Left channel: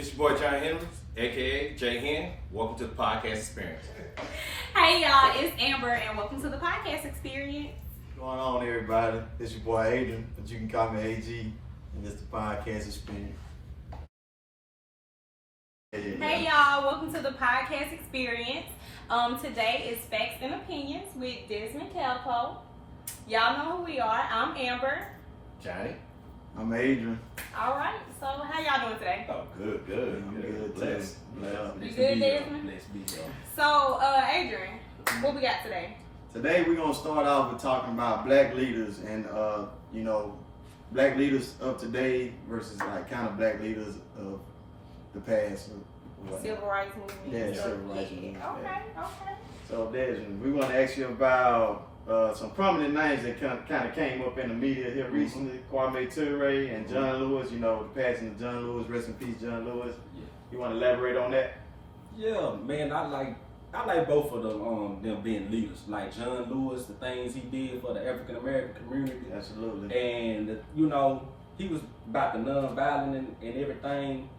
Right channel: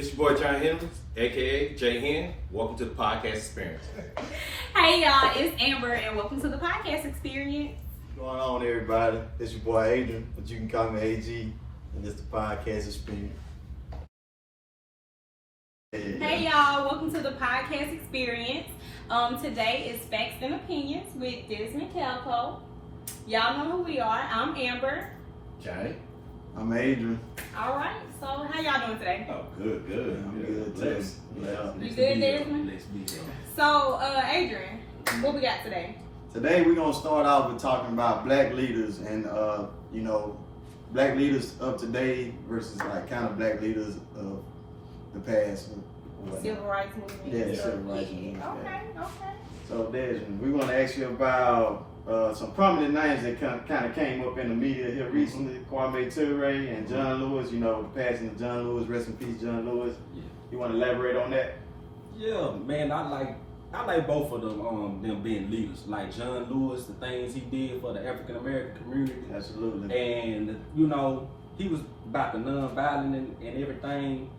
It's your boy John Henry, aka J Hen. Welcome to the podcast experience. Hey y'all, it's Amber and welcome to the podcast experience. What's going on, everybody? It's your boy Adrian, but you can call me AG, and it's the podcast experience. Hey y'all, welcome to the podcast experience. Today is Facts and Opinions with Desmond, Calcote. Y'all know who we are. I'm Amber. Johnny. I'm Adrian. All right, so how y'all doing today? Oh, good. I'm good, Blessed. too. Yeah. You good, Desmond? Blessed be here. So, Adrian, what we got today? Today we're gonna start off with talking about black leaders and black leaders of today versus like kind of black leaders of the past. Civil rights movement. Yeah, civil rights movement. Okay. So Desmond, we want to ask you about some prominent names that kind of came up in the media here recently. Kwame Ture and John Lewis. You know, the passing of John Lewis. Rest in peace, John Lewis. Yeah. You want to elaborate on that? Yeah, man, I like both of them being leaders. Like John Lewis, the things he did for the African American community. Absolutely. And you know, he was about the non-violent and everything.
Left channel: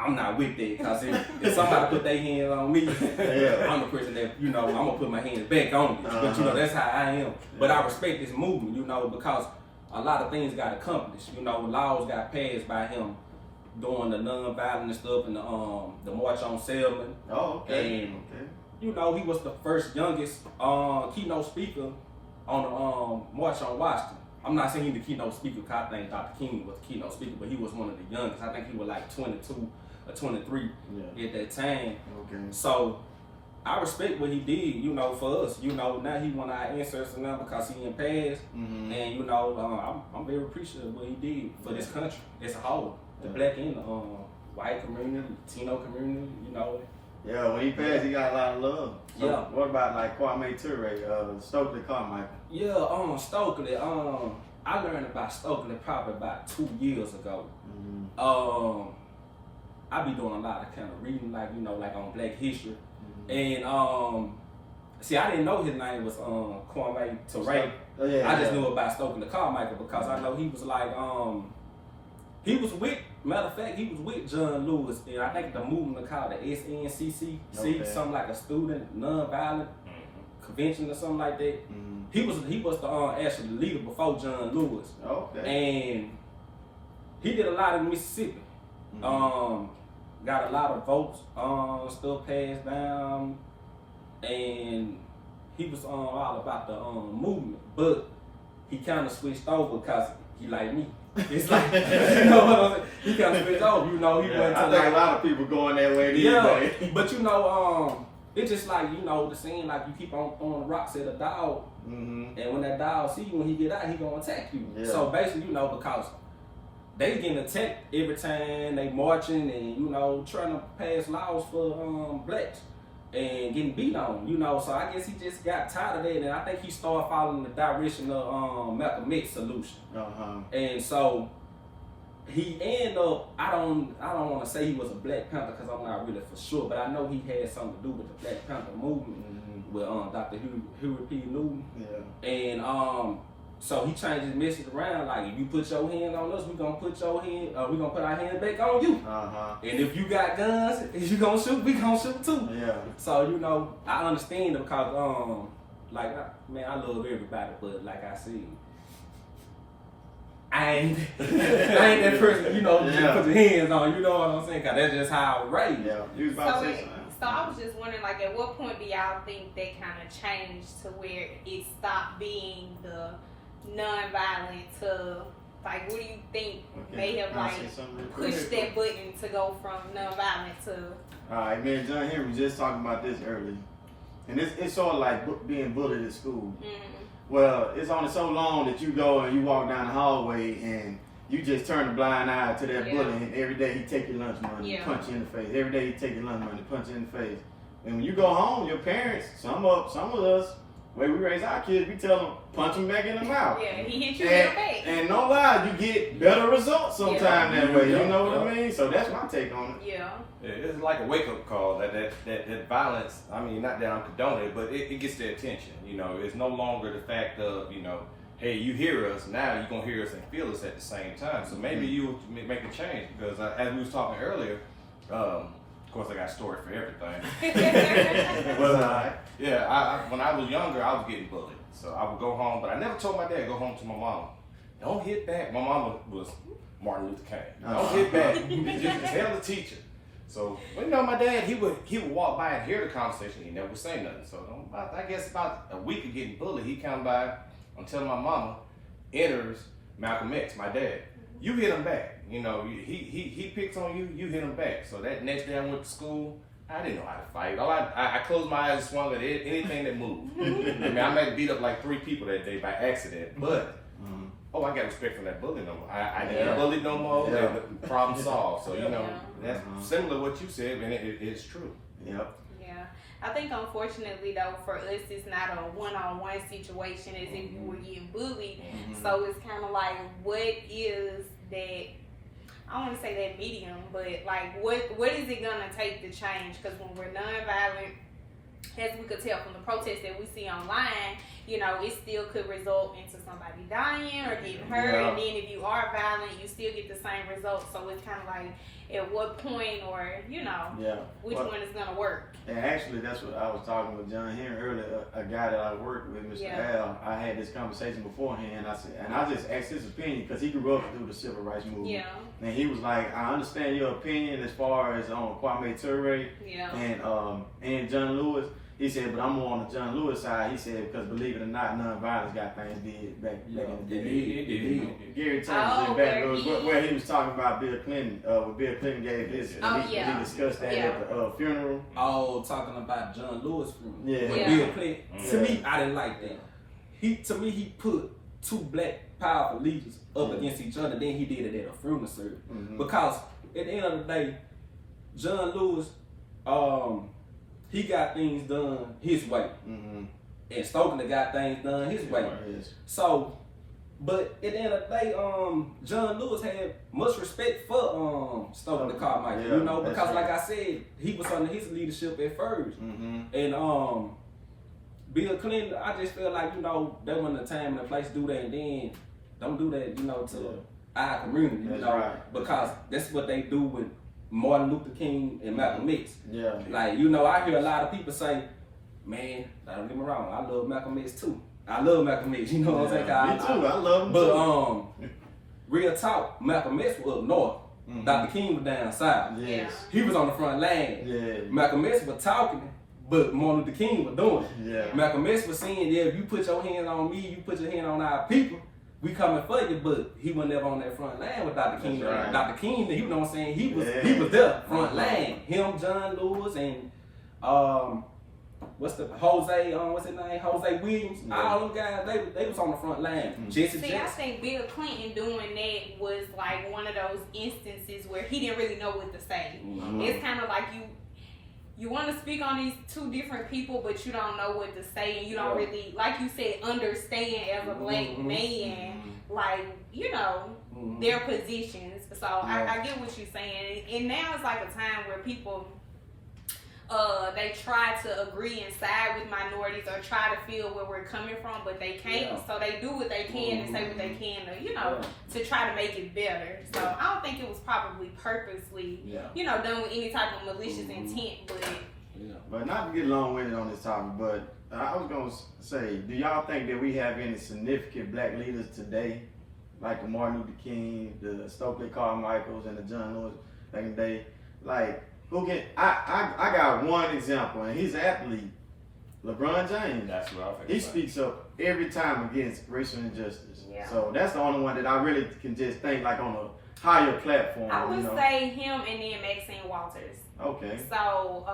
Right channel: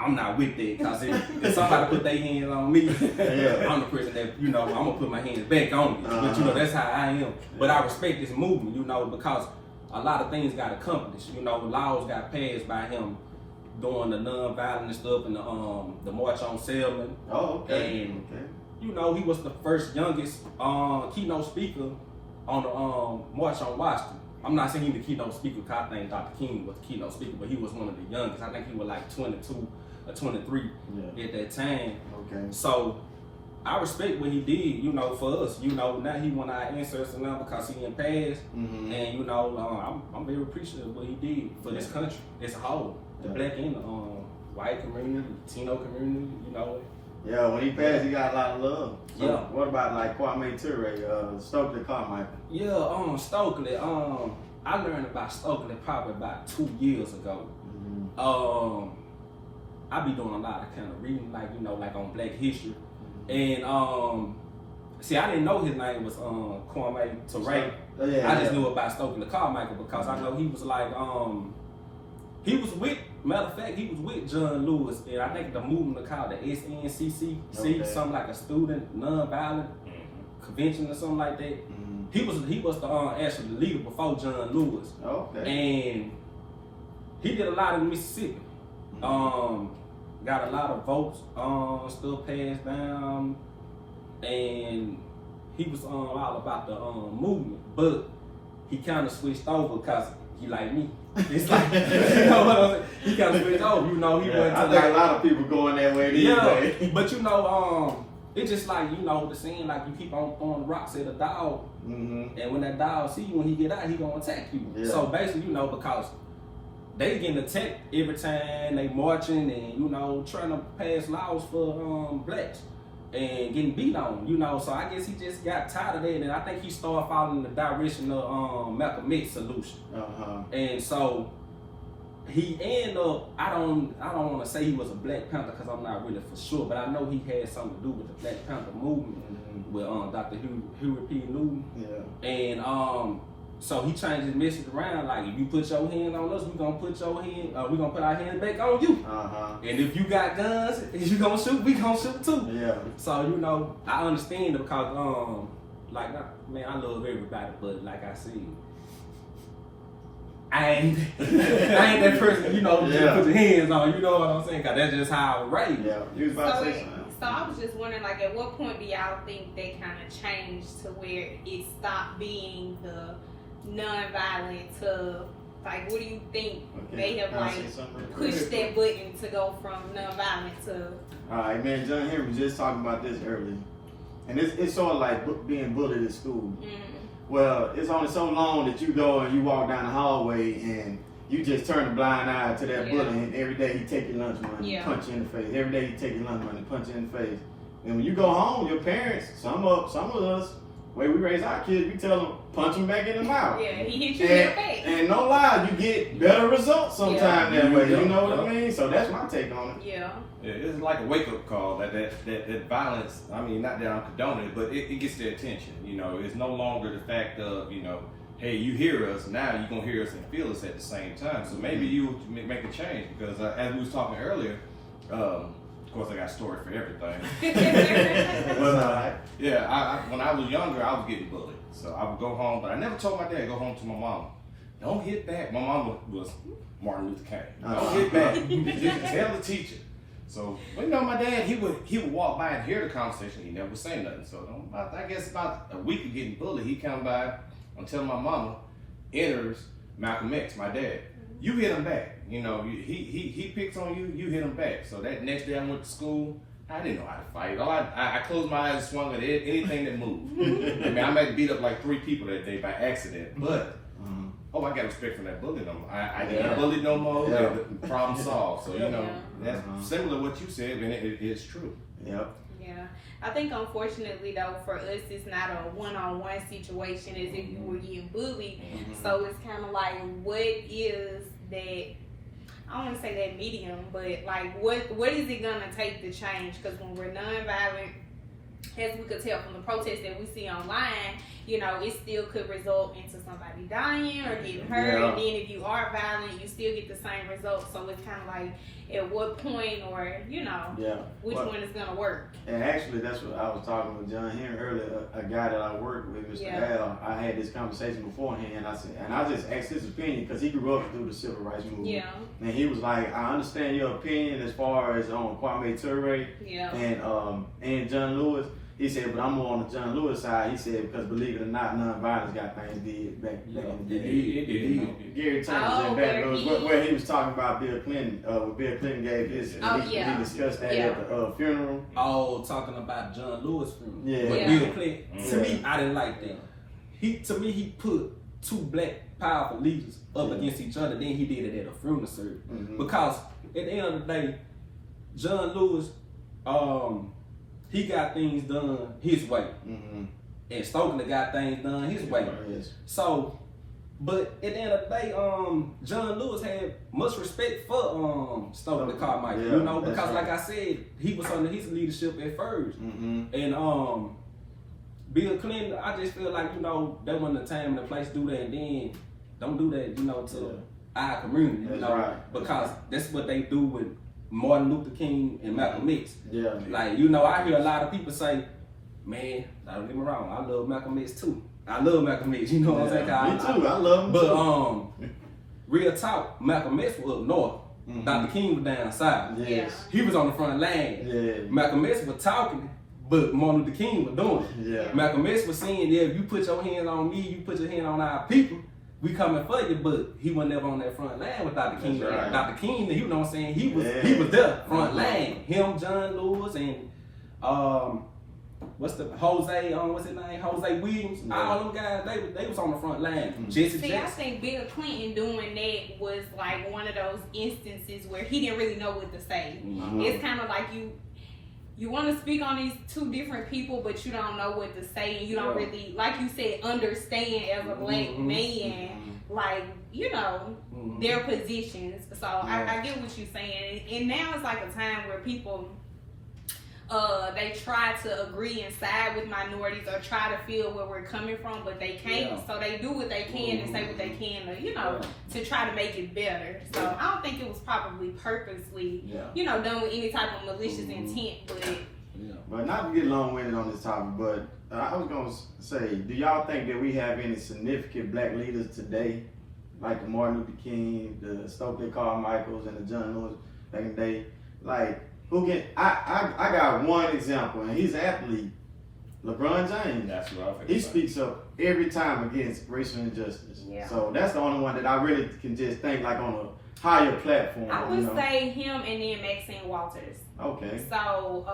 I'm not with that, because if somebody put their hands on me, Yeah. I'm the person that, I'm gonna put my hands back on you. But that's how I am. But I respect this movement, because a lot of things got accomplished. Laws got passed by him doing the non-violent stuff and the March on Selma. Oh, okay. And okay. he was the first youngest keynote speaker on the March on Washington. I'm not saying he the keynote speaker, because I think Dr. King was the keynote speaker, but he was one of the youngest. I think he was like 22 or 23 at that time. Okay. So I respect what he did, for us. Now he want our ancestors now because he in past. Mm-hmm. And I'm very appreciative of what he did for this country as a whole. The black and the white community, Latino community, Yeah, when he passed, he got a lot of love. So Yeah. What about like Kwame Ture, Stokely Carmichael? Yeah, Stokely. I learned about Stokely probably about 2 years ago. Mm-hmm. I be doing a lot of kind of reading, like on Black history, Mm-hmm. and see, I didn't know his name was Kwame Ture. Yeah, I just knew about Stokely Carmichael because I know he was like he was with. Matter of fact, he was with John Lewis, and I think the movement called the SNCC, something like a student nonviolent convention or something like that. Mm-hmm. He was the actually leader before John Lewis, Okay. and he did a lot in Mississippi. Mm-hmm. Got a lot of votes, still passed down, and he was all about the movement, but he kind of switched over because he like me. It's like, you know what I'm saying? He kind of switched over, he went to I think a lot of people going that way these days. But it's just like, the saying, like you keep on throwing rocks at a dog, Mm-hmm. and when that dog see you, when he get out, he gonna attack you. Yeah. So basically, because they getting attacked every time they marching and trying to pass laws for blacks and getting beat on, So I guess he just got tired of that, and I think he started following the direction of Malcolm X solution. And so he ended up. I don't want to say he was a Black Panther because I'm not really for sure, but I know he had something to do with the Black Panther movement with Dr. Huey P. Newton. Yeah. And so he changed his message around, like if you put your hands on us, we're gonna put our hands back on you. And if you got guns, if you gonna shoot, we gonna shoot too. Yeah. So I understand it because I love everybody, but like I said, I ain't that person, you put your hands on, you know what I'm saying? Cause that's just how I was raised. Yeah. You was about to say something. So I was just wondering, like, at what point do y'all think that kind of changed to where it stopped being the non-violent to, like, what do you think may have, pushed that button to go from non-violent to... Alright, man, John Henry was just talking about this earlier. And it's sort of like being bullied at school. Mm-hmm. Well, it's only so long that you go and you walk down the hallway and you just turn a blind eye to that bully, and every day he take your lunch money, punch you in the face. Every day he take your lunch money, punch you in the face. And when you go home, your parents, some of us, the way we raise our kids, we tell them, punch them back in the mouth. Yeah, he hit you in the face. And no lie, you get better results sometimes that way. You know what I mean? So that's my take on it. Yeah. Yeah, it's like a wake-up call that violence, I mean, not that I'm condoning it, but it gets their attention. It's no longer the fact of, hey, you hear us, now you're gonna hear us and feel us at the same time. So maybe you make a change, because as we was talking earlier, of course I got a story for everything. But when I was younger, I was getting bullied. So I would go home, but I never told my dad, go home to my mama. Don't hit back. My mama was Martin Luther King. Don't hit back. Tell the teacher. So, you know, my dad, he would walk by and hear the conversation. He never would say nothing. So, I guess about a week of getting bullied, he come by until my mama enters Malcolm X, my dad. You hit him back. You know, he picks on you, you hit him back. So that next day I went to school. I didn't know how to fight. I closed my eyes and swung at anything that moved. I mean, I might have beat up like 3 people that day by accident, but I got respect for that bully number. I can't bully no more. Yeah. The problem solved. So you know, that's similar to what you said, and it's true. Yep. Yeah. I think unfortunately though, for us, it's not a one-on-one situation as if you were getting bullied. So it's kind of like, what is that? I don't want to say that medium, but like, what is it gonna take to change? Because when we're nonviolent, as we could tell from the protests that we see online, you know, it still could result into somebody dying or getting hurt. And then if you are violent, you still get the same results. So it's kind of like, at what point, or you know, which one is gonna work? And actually, that's what I was talking with John Henry earlier, a guy that I worked with, Mr. Al. I had this conversation beforehand. I said, and I just asked his opinion because he grew up through the civil rights movement. Yeah. And he was like, I understand your opinion as far as Kwame Ture and John Lewis. He said, but I'm more on the John Lewis side. He said, because believe it or not, nonviolence got things did back in the day. Gary Thomas where he was talking about Bill Clinton, when Bill Clinton gave his, he discussed that at the funeral. Oh, talking about John Lewis funeral. Yeah. Bill Clinton. To me, I didn't like that. He put 2 black powerful leaders up against each other, then he did it at a funeral service. Because at the end of the day, John Lewis, he got things done his way. And Stokely got things done his way. So, but at the end of the day, John Lewis had much respect for Stokely Carmichael, you know, because like I said, he was under his leadership at first. And Bill Clinton, I just feel like, you know, that wasn't the time and the place to do that, and then don't do that, you know, to our community, you know, because that's what they do with Martin Luther King and Malcolm X. Like, you know, I hear a lot of people say, man, don't get me wrong, I love Malcolm X too. I love Malcolm X, you know what I'm saying? Me too, I love him but, real talk, Malcolm X was up north. Dr. King was down south. He was on the front line. Malcolm X was talking, but Martin Luther King was doing it. Malcolm X was saying, if you put your hands on me, you put your hand on our people, we coming for you, but he was never on that front line with Dr. King. Dr. King, you know what I'm saying? He was there, front line. Him, John Lewis, and Jose, what's his name? Jose Williams. All them guys, they was on the front line. Jesse Jackson. I think Bill Clinton doing that was like one of those instances where he didn't really know what to say. It's kind of like you want to speak on these 2 different people, but you don't know what to say, and you don't really, like you said, understand as a black man, like, you know, their positions. So I get what you're saying. And now it's like a time where people, they try to agree and side with minorities or try to feel where we're coming from, but they can't. So they do what they can and say what they can to, you know, to try to make it better. So I don't think it was probably purposely, you know, done with any type of malicious intent, But not to get long-winded on this topic, but I was going to say, do y'all think that we have any significant black leaders today, like the Martin Luther King, the Stokely Carmichaels, and the John Lewis back in the day, like, who can, I got one example, and he's an athlete, LeBron James. That's right. He speaks up every time against racial injustice. So that's the only one that I really can just think like on a higher platform. I would say him and then Maxine Walters. Okay. So,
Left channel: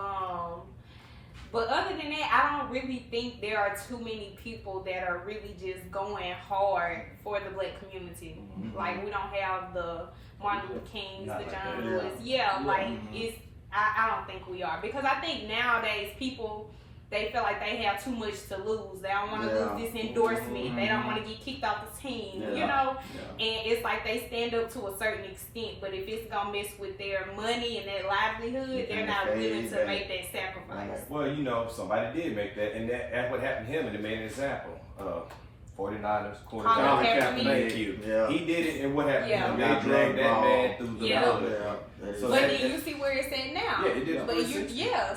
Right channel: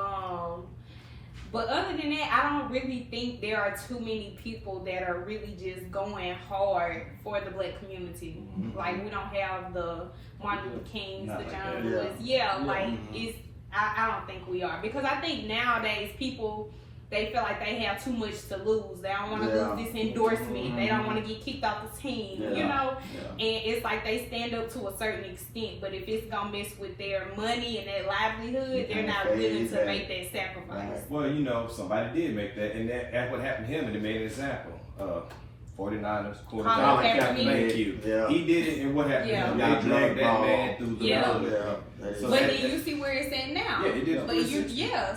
but other than that, I don't really think there are too many people that are really just going hard for the black community. Like, we don't have the Martin Luther Kings, the John Lewis. It's, I don't think we are, because I think nowadays people, they feel like they have too much to lose. They don't want to lose this endorsement. They don't want to get kicked off the team, you know? And it's like they stand up to a certain extent, but if it's going to mess with their money and their livelihood, they're not willing to make that sacrifice. Well, you know, somebody did make that, and that's what happened to him, and it made an example. 49ers Colin quarterback. Kaepernick. Yeah. He did it, and what happened? Yeah. They dragged that man through the mud. So But then you see where it's at now. Yeah, it did. But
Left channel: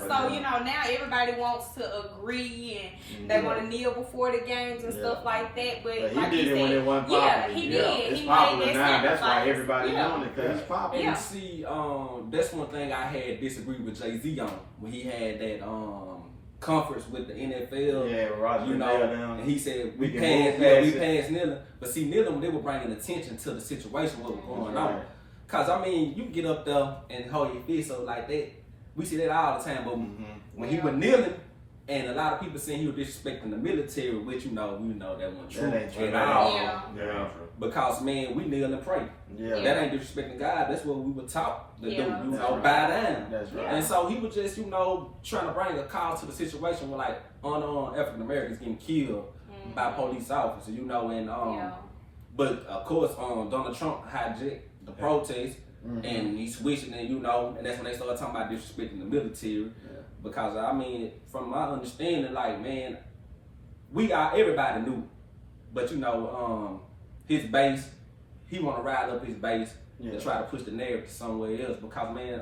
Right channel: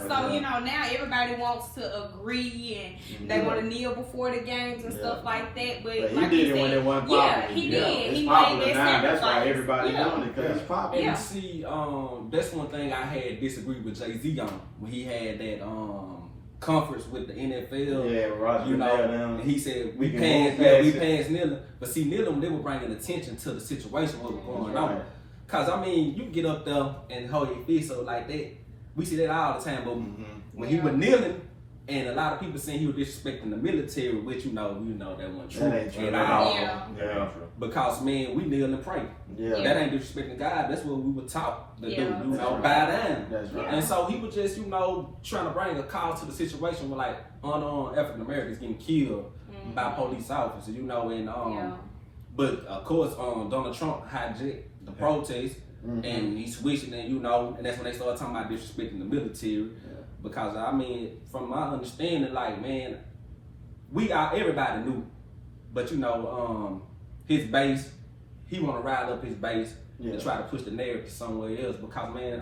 so you know now everybody wants to agree and they want to kneel before the games and stuff like that. But he like did you it when said, it wasn't popular. He did. It's He popular made now. that That's why sacrifice. everybody doing it because it's popular. Yeah. And see, that's one thing I had disagreed with Jay-Z on when he had that conference with the NFL. Yeah, Roger. You know, and he said we can passed move past kneeling, but see kneeling they were bringing attention to the situation what was going on. Cause I mean, you get up there and hold your fist up like that. We see that all the time, but when he was kneeling, and a lot of people saying he was disrespecting the military, which you know that wasn't true at all. Yeah. Because man, we kneel and pray. Yeah. That ain't disrespecting God. That's what we were taught to do. You know, right. bow down. That's right. And so he was just, trying to bring a call to the situation where like unarmed African Americans getting killed by police officers. And but of course, Donald Trump hijacked the protest, and he switched it, and and that's when they started talking about disrespecting the military. Because I mean, from my understanding, like man, everybody knew, but his base, he want to rile up his base and try to push the narrative somewhere else. Because man,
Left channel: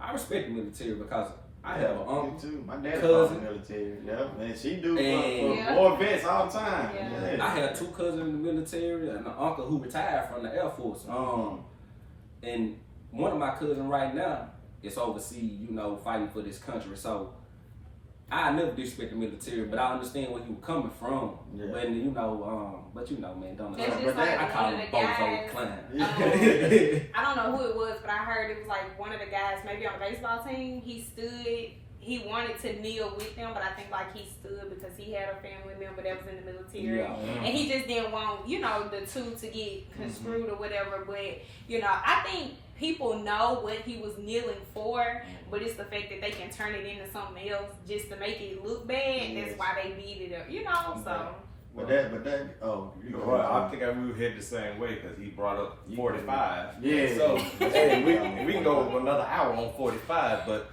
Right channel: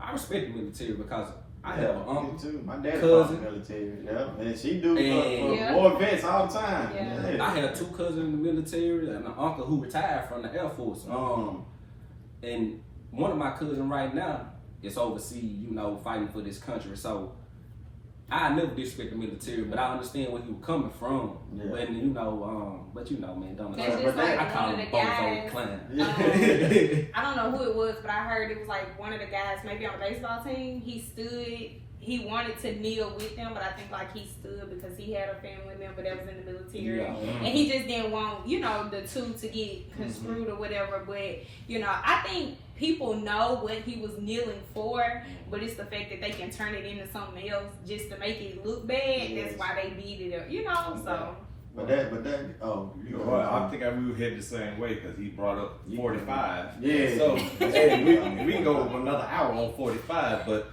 I respect the military because I have an uncle too. My dad cousin, in the military. Yeah, and she do and more vets all the time. Yeah. I had 2 cousins in the military and an uncle who retired from the Air Force. And one of my cousins right now is overseas, fighting for this country. So I never disrespect the military, but I understand where he was coming from. Yeah. But man, Donald That's Trump, just like I call one him of the bozo guys, clown. I don't know who it was, but I heard it was like one of the guys, maybe on the baseball team. He wanted to kneel with them, but I think like he stood because he had a family member that was in the military, and he just didn't want the two to get construed or whatever. But I think people know what he was kneeling for, but it's the fact that they can turn it into something else just to make it look bad. Yes. That's why they beat it up, So. But that, I think I really hit the same way because he brought up 45. Yeah. So we can go another hour on 45, but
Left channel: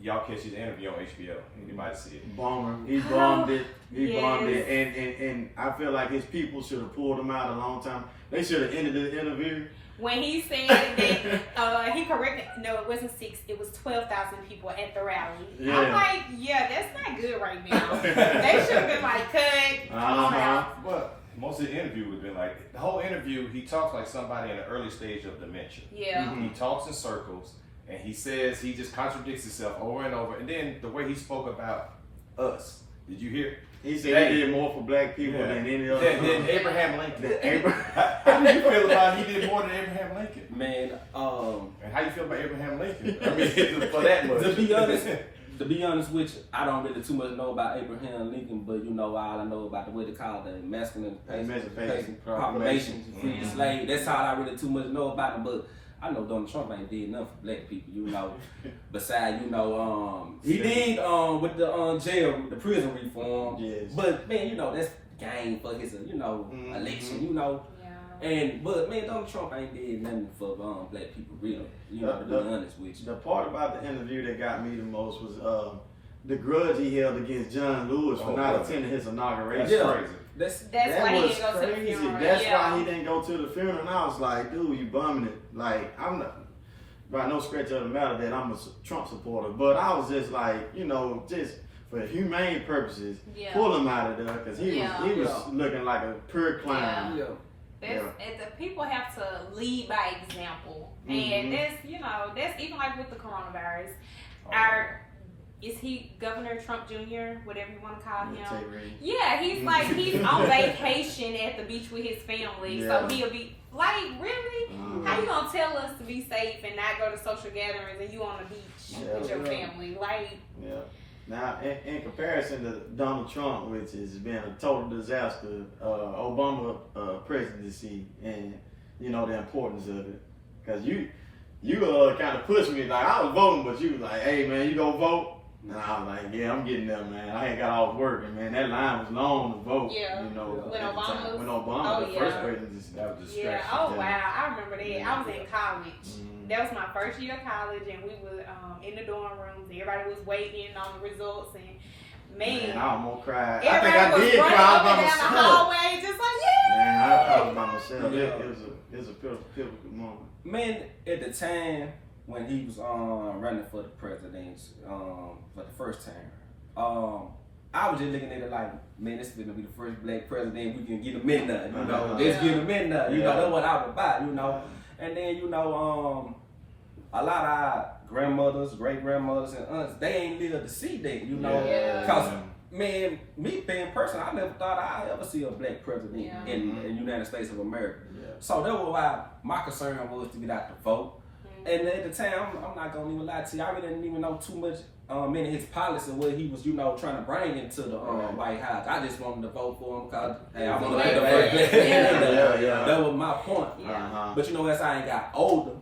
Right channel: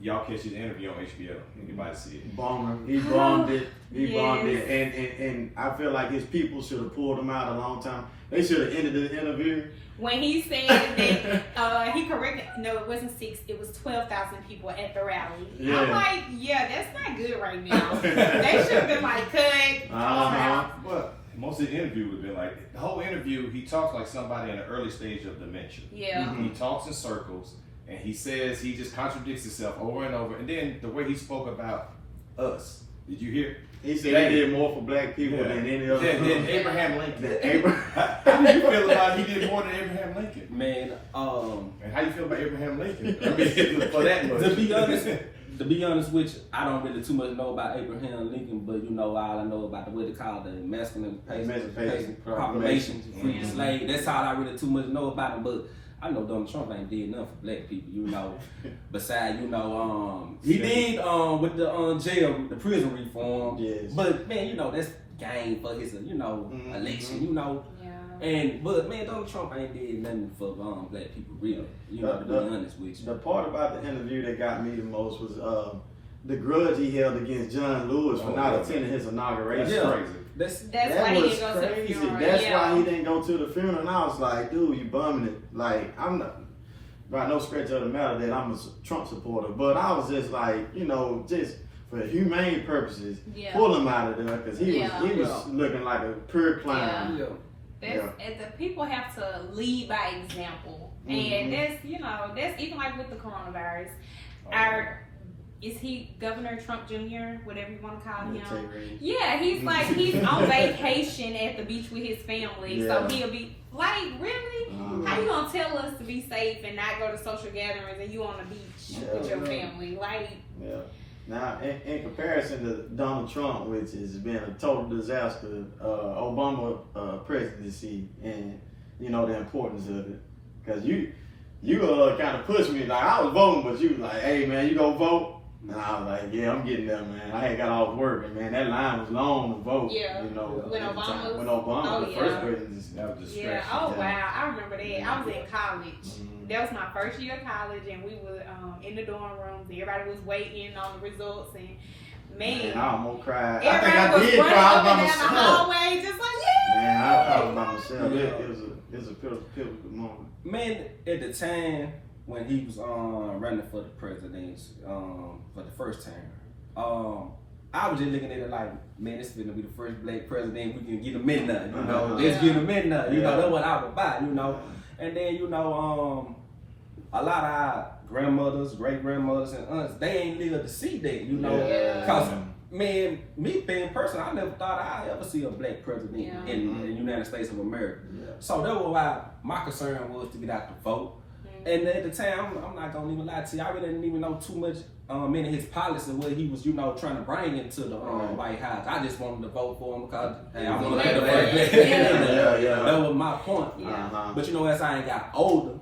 y'all catch the interview on HBO. Anybody see it? Bomber. He bombed it. He Yes. bombed it. And I feel like his people should have pulled him out a long time. They should have ended the interview. When he said that, he corrected, no, it wasn't 6, it was 12,000 people at the rally. Yeah. I'm like, that's not good right now. They should have been like, cut, come on out. But most of the interview would have been like, the whole interview, he talks like somebody in the early stage of dementia. Yeah. He talks in circles, and he says, he just contradicts himself over and over. And then the way he spoke about us, did you hear? He said he did more for black people than any other. Than Abraham Lincoln. How do you feel about he did more than Abraham Lincoln? Man, and how you feel about Abraham Lincoln? I mean, for that much. To be honest with you, I don't really too much know about Abraham Lincoln, but all I know about what they call the Emancipation Proclamation to free the slave. That's all I really too much know about him. But I know Donald Trump ain't did nothing for black people, Besides, he did with the jail, the prison reform. Yes. But man, that's game for his election, But man, Donald Trump ain't did nothing for black people, really. To be honest with you. The part about the interview that got me the most was the grudge he held against John Lewis for not attending his inauguration. That's That's why he was didn't go to the crazy. funeral. That's why he didn't go to the funeral. And I was like, dude, you bumming it. Like, I'm not, by no stretch of the matter that I'm a Trump supporter, but I was just like, just for humane purposes, pull him out of there because he was looking like a pure clown. The people have to lead by example, and that's even like with the coronavirus. Is he Governor Trump Jr., whatever you want to call him? Yeah, he's on vacation at the beach with his family, so he'll be like, really? How you gonna tell us to be safe and not go to social gatherings and you on the beach with your family? Now, in comparison to Donald Trump, which has been a total disaster, Obama presidency and the importance of it, because you kind of pushed me, like I was voting, but you was like, hey man, you go vote. And I was like, yeah, I'm getting there, man. I had got off work, and man, that line was long to vote. Yeah. When Obama, the first presidency, that was just wow, I remember that. I was in college. That was my first year of college, and we were in the dorm rooms. Everybody was waiting on the results, and Man, I almost cried. I everybody think I was did running cry up by and down the myself. hallway, just like, yeah. Man, I was by myself. Yeah. It was a pivotal moment. Man, at the time when he was running for the presidency for the first term, I was just looking at it like, man, this is gonna be the first black president we can get a midnight, you know. Let's get a midnight, you know. That's what I was about, you know. And then, you know, a lot of our grandmothers, great grandmothers, and aunts, they ain't lived to see that, you know. Yeah. Cause man, me being person, I never thought I'd ever see a black president in the United States of America. Yeah. So that was why my concern was to get out the vote. And at the time, I'm not gonna even lie to you, I really didn't even know too much in his policy, what he was, you know, trying to bring into the White House. I just wanted to vote for him because, hey, I want to be the first black man. That was my point. Yeah. But you know, as I ain't got older,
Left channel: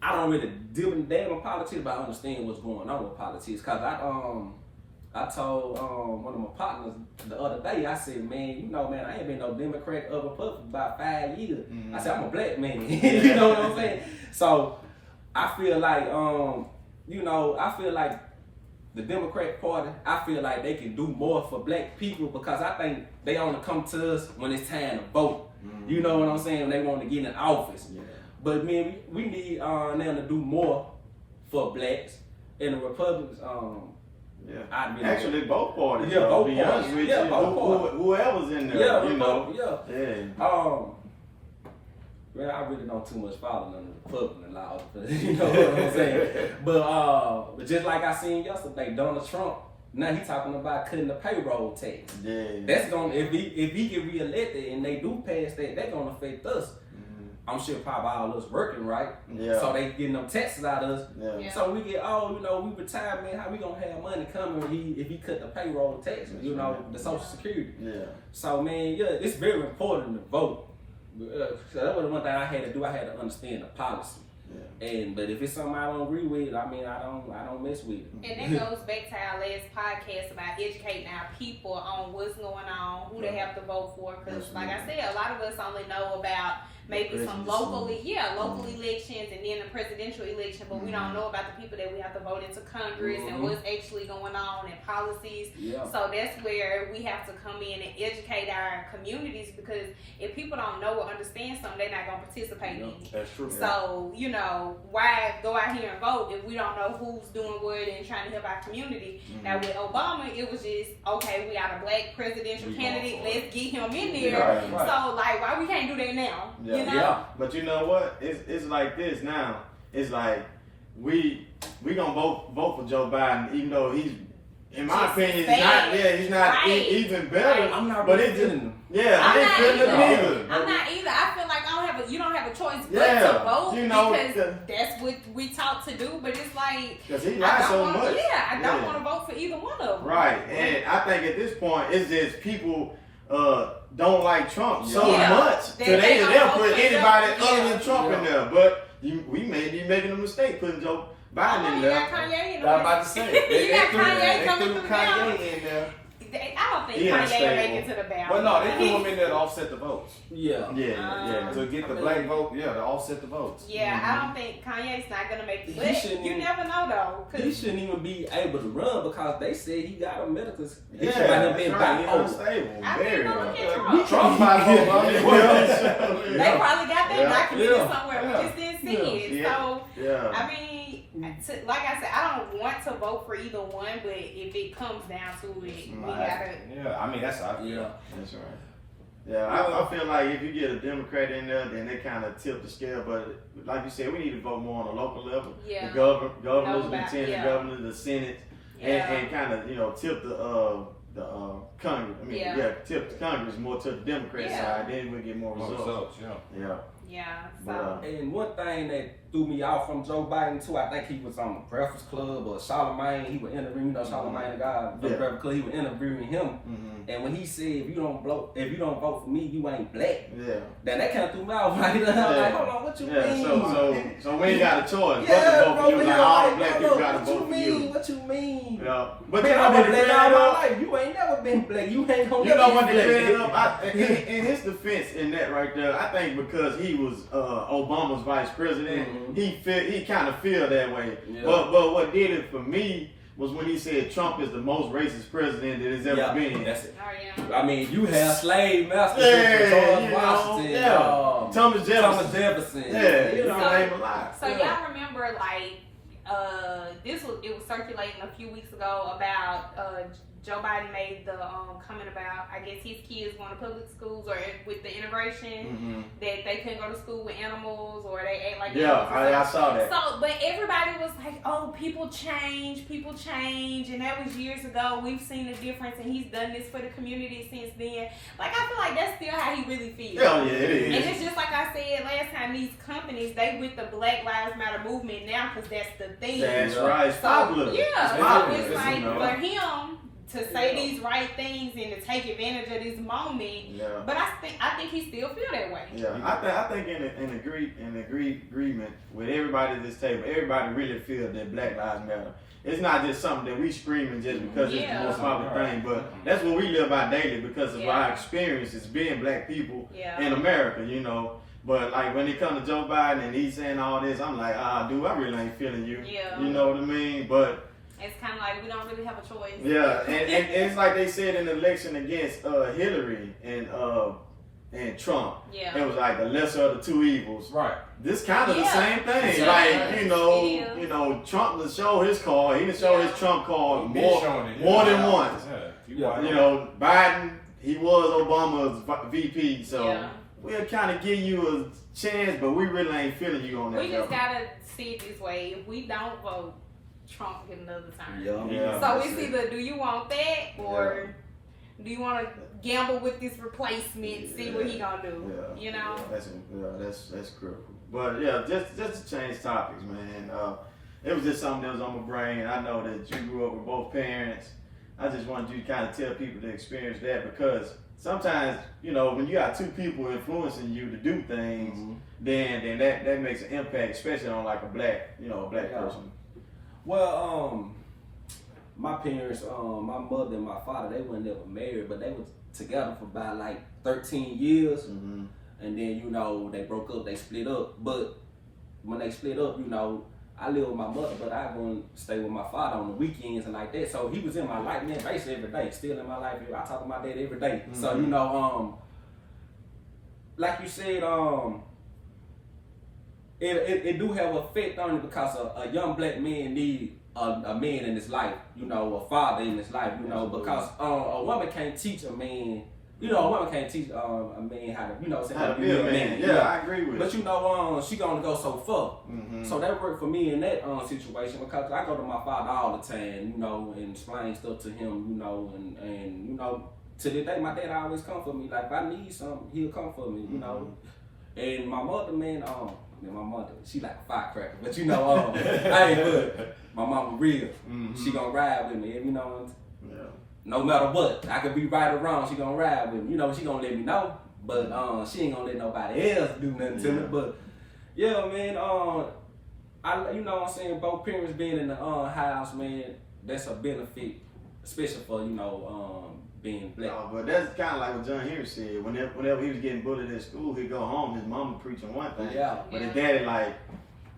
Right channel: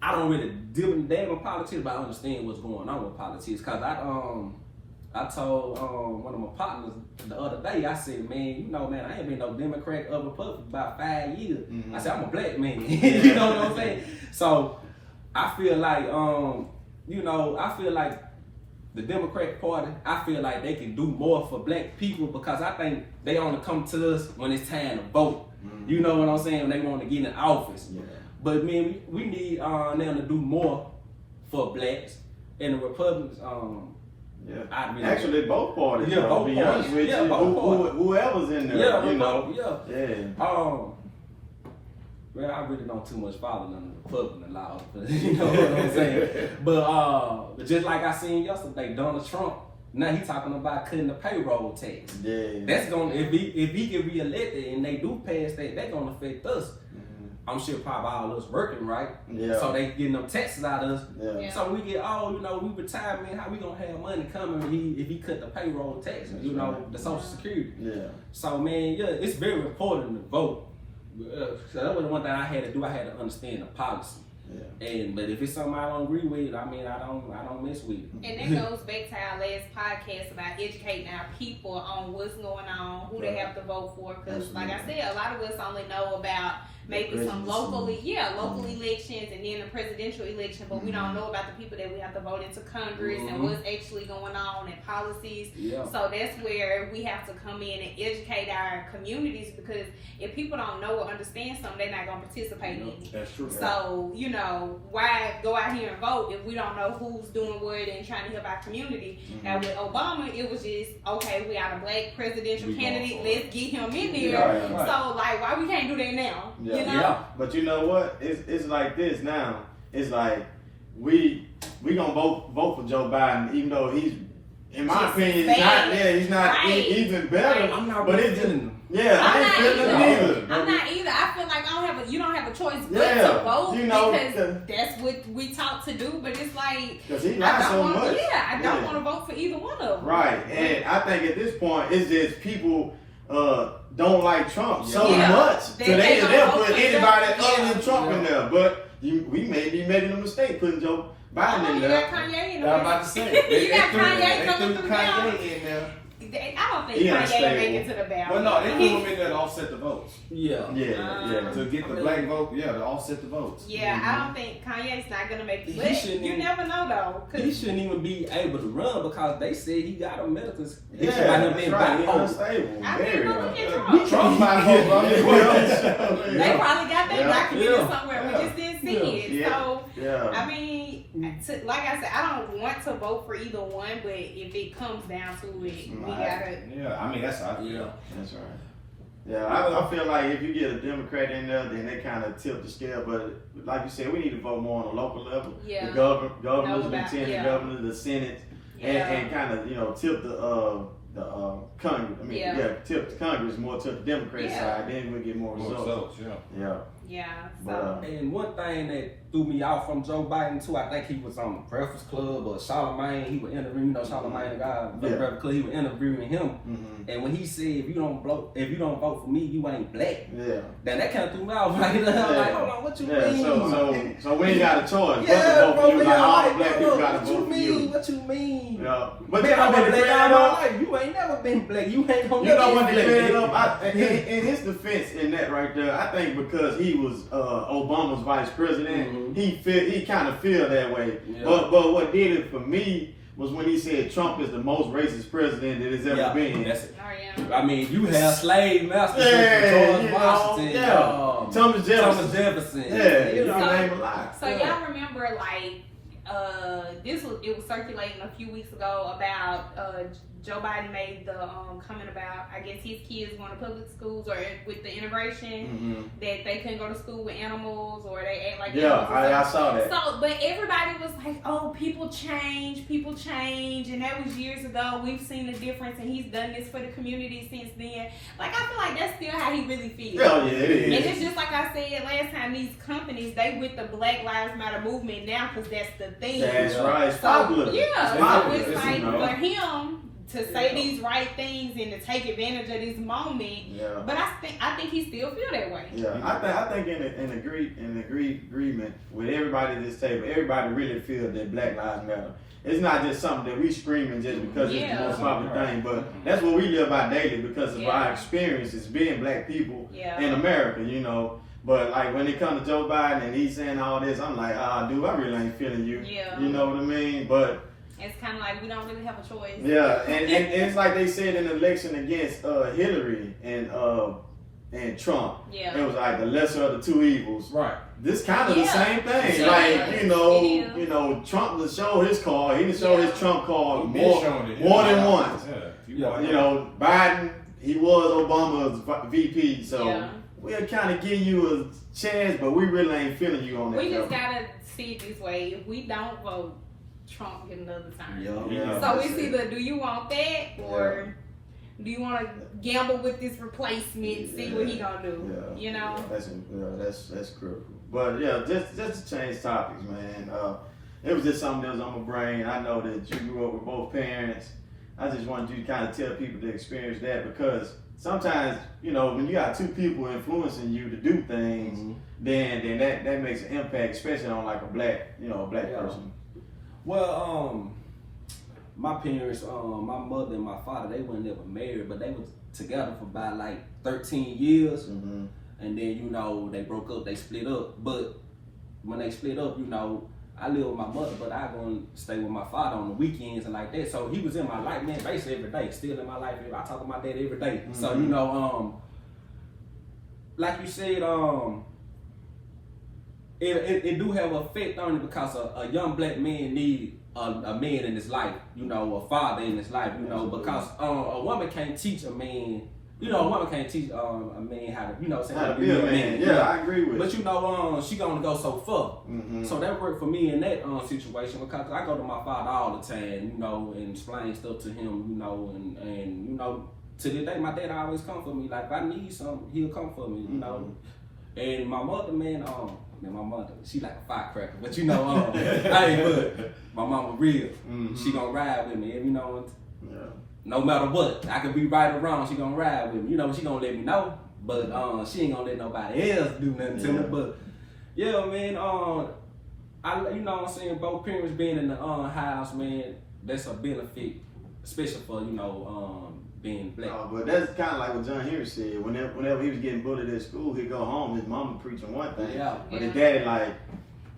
I don't really deal in damn with politics, but I understand what's going on with politics. Cause I told one of my partners the other day, I said, man, you know, man, I ain't been no Democrat or Republican for about 5 years. I said, I'm a black man. You know what I'm saying? So I feel like, you know, I feel like the Democrat Party, I feel like they can do more for black people because I think they only come to us when it's time to vote. You know what I'm saying? When they want to get in office. Yeah. But man, we need them to do more for blacks and the Republicans. Yeah. I Actually, both parties. Yeah, both be parties. honest with Yeah, you. both parties. Whoever's in there, Yeah, you know. Yeah. Well, I really don't too much follow none of the Republican laws, you know what I'm saying? But just like I seen yesterday, Donald Trump, now he talking about cutting the payroll tax. Yeah. That's gonna if he get reelected and they do pass that, that's gonna affect us. I'm sure probably all of us working, right? Yeah. So they getting them taxes out of us. Yeah. So we get, you know, we retire, man, how we gonna have money coming if he cut the payroll tax, you know, the Social Security. Yeah. So man, yeah, it's very important to vote. So that was the one thing I had to do. I had to understand the policy. Yeah. But if it's something I don't agree with, I mean, I don't mess with it. And that goes back to our last podcast about educating our people on what's going on, who they have to vote for. Because, like I said, a lot of us only know about maybe some local elections and then the presidential election, but we don't know about the people that we have to vote into Congress and what's actually going on and policies. Yeah. So that's where we have to come in and educate our communities, because if people don't know or understand something, they're not going to participate in it. That's true. So, you know, why go out here and vote if we don't know who's doing what and trying to help our community? Now with Obama, it was just, okay, we got a black presidential candidate, let's get him in there. Right. So, like, why we can't do that now? Yeah. You know? Yeah. But you know what? It's like this now. It's like we gonna vote for Joe Biden, even though he's, in my opinion, he's not even better. I'm not but really it's feeling him. Yeah, I'm I not ain't feeling either. him either. I'm not either. I feel like you don't have a choice but Yeah, to vote, you know, because that's what we taught to do. But it's like, because he lies so much. I don't want to vote for either one of them. Right, and I think at this point it's just people don't like Trump so Yeah. much, so they'll don't put vote for anybody Trump. other than Trump in there. But we may be making a mistake putting Joe Biden in You there. got Kanye in I'm about to say, You got Kanye coming threw through Kanye in there. I don't think He Kanye will unstable. make it to the ballot. Well, no, they threw him in there to offset the votes. Yeah. To get the black vote, to offset the votes. Yeah, I don't think Kanye's not gonna make it. He But shouldn't you even- never know though. 'Cause He shouldn't even be able to run because they said he got a medical issue Yeah, by him being that's right. He bipolar. unstable. I Very didn't know well. he had Trump. Trump bipolar. They probably got that documented Yeah. somewhere. We just didn't see it. Yeah. So Yeah. I mean, like I said, I don't want to vote for either one, but if it comes down to it, we gotta. Yeah, I mean, that's how I feel. Yeah. That's right. Yeah, I feel like if you get a Democrat in there, then they kind of tip the scale. But like you said, we need to vote more on a local level. Yeah. The governors, Know about- lieutenant governors, the Senate, and kind of tip the Congress. I mean, tip the Congress more to the Democrat side. Then we get more results. Yeah. Yeah. But, So And one thing that threw me off from Joe Biden too, I think he was on the Breakfast Club or Charlamagne. He was interviewing, Charlamagne, the guy, the Breakfast Club. He was interviewing him, and when he said, "If you don't vote for me, you ain't black," then that kind of threw me off. Right? Like, hold on, what you mean? So we ain't got a choice. Yeah, but to vote bro, for you. Like, all black people got to what vote you for mean? you. What you mean? Yeah. But Man, I've been black all my life. life. You ain't never been black. You ain't gonna You know never what be they made black. up? In his defense, in that right there, I think because he was Obama's vice president, he kind of feel that way. Yeah. But what did it for me was when he said Trump is the most racist president that has ever been. That's it. Oh, yeah. I mean, you have slave masters Yeah, George Washington, Thomas Jefferson. Yeah, you know, name a lot. So y'all remember like it was circulating a few weeks ago about Joe Biden made the comment about, I guess his kids going to public schools or with the integration that they couldn't go to school with animals or they act like animals. I saw that. So, but everybody was like, "Oh, people change," and that was years ago. We've seen the difference, and he's done this for the community since then. Like, I feel like that's still how he really feels. Yeah, it is. And it's just like I said last time, these companies, they with the Black Lives Matter movement now because that's the thing. That's right. It's popular. Yeah, It's popular. so it's like you know. for him to say these right things and to take advantage of this moment. Yeah. But I think he still feel that way. Yeah, I think in agreement with everybody at this table, everybody really feels that Black Lives Matter. It's not just something that we screaming just because it's the most popular thing, but that's what we live by daily because of our experiences being black people in America, you know. But like when it comes to Joe Biden and he's saying all this, I'm like, dude, I really ain't feeling you. Yeah. You know what I mean? But it's kind of like we don't really have a choice. yeah, and it's like they said in the election against Hillary and Trump. Yeah. It was like the lesser of the two evils. Right. This kind of the same thing. Yeah. Like, you know, Trump to show his card, he didn't show his Trump card more than once. Yeah. You know, Biden, he was Obama's VP, so we'll kind of give you a chance, but we really ain't feeling you on that. We just gotta see it this way. If we don't vote, Trump get another time. Yeah. So it's either do you want that or do you want to gamble with this replacement, see what he gonna do? Yeah. You know. That's critical. But yeah, just to change topics, man. It was just something that was on my brain. I know that you grew up with both parents. I just wanted you to kind of tell people to experience that because sometimes, you know, when you got two people influencing you to do things, then that makes an impact, especially on like a black person. Well, my parents, my mother and my father, they weren't never married, but they was together for about like 13 years. And then, you know, they broke up, they split up. But when they split up, you know, I live with my mother, but I go and stay with my father on the weekends and like that. So he was in my life, man, basically every day, still in my life. I talk to my dad every day. So, you know, like you said, it do have an effect on it because a young black man need a man in his life, you know, a father in his life, you know, because a woman can't teach a man, you know, a woman can't teach a man how to, you know, how to be a man. Yeah, I agree with you. But you know, she gonna go so far. So that worked for me in that situation because I go to my father all the time, you know, and explain stuff to him, you know, and you know, to this day, my dad always come for me. Like if I need something, he'll come for me, you know. And my mother, man, my mother, she like a firecracker, but you know, hey, but my mama real. She gonna ride with me, you know. No matter what, I could be right or wrong, she gonna ride with me. You know, she gonna let me know, but she ain't gonna let nobody else do nothing to me. But yeah, man, you know what I'm saying, both parents being in the house, man, that's a benefit, especially for, you know, being black. But that's kind of like what John Henry said. Whenever he was getting bullied at school, he'd go home, his mama preaching one thing, but his daddy like,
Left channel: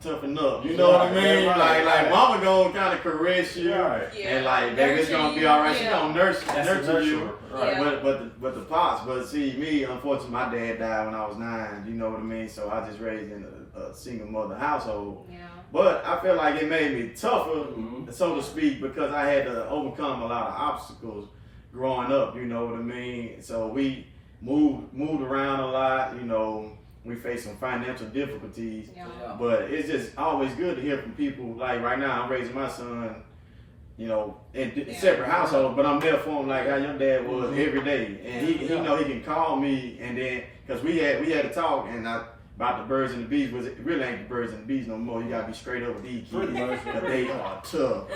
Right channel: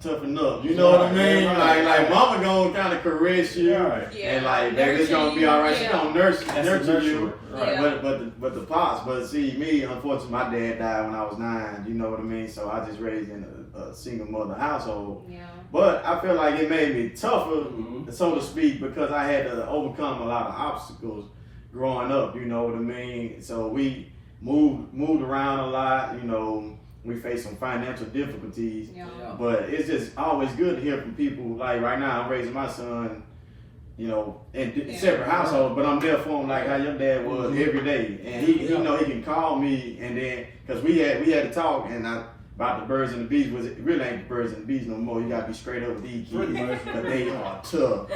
toughen up, you know what I mean? Like mama gonna kind of caress you, and like, baby, it's gonna be all right. She gonna nurture you, but the pops. But see, me, unfortunately, my dad died when I was 9. You know what I mean? So I just raised in a single mother household. But I feel like it made me tougher, so to speak, because I had to overcome a lot of obstacles growing up. You know what I mean? So we moved around a lot. You know. We face some financial difficulties, but it's just always good to hear from people. Like right now, I'm raising my son, you know, in separate households, but I'm there for him like how your dad was every day. And he know he can call me, and then because we had to talk and about the birds and the bees. Was it really ain't the birds and the bees no more? You gotta be straight up with these kids, but they are tough.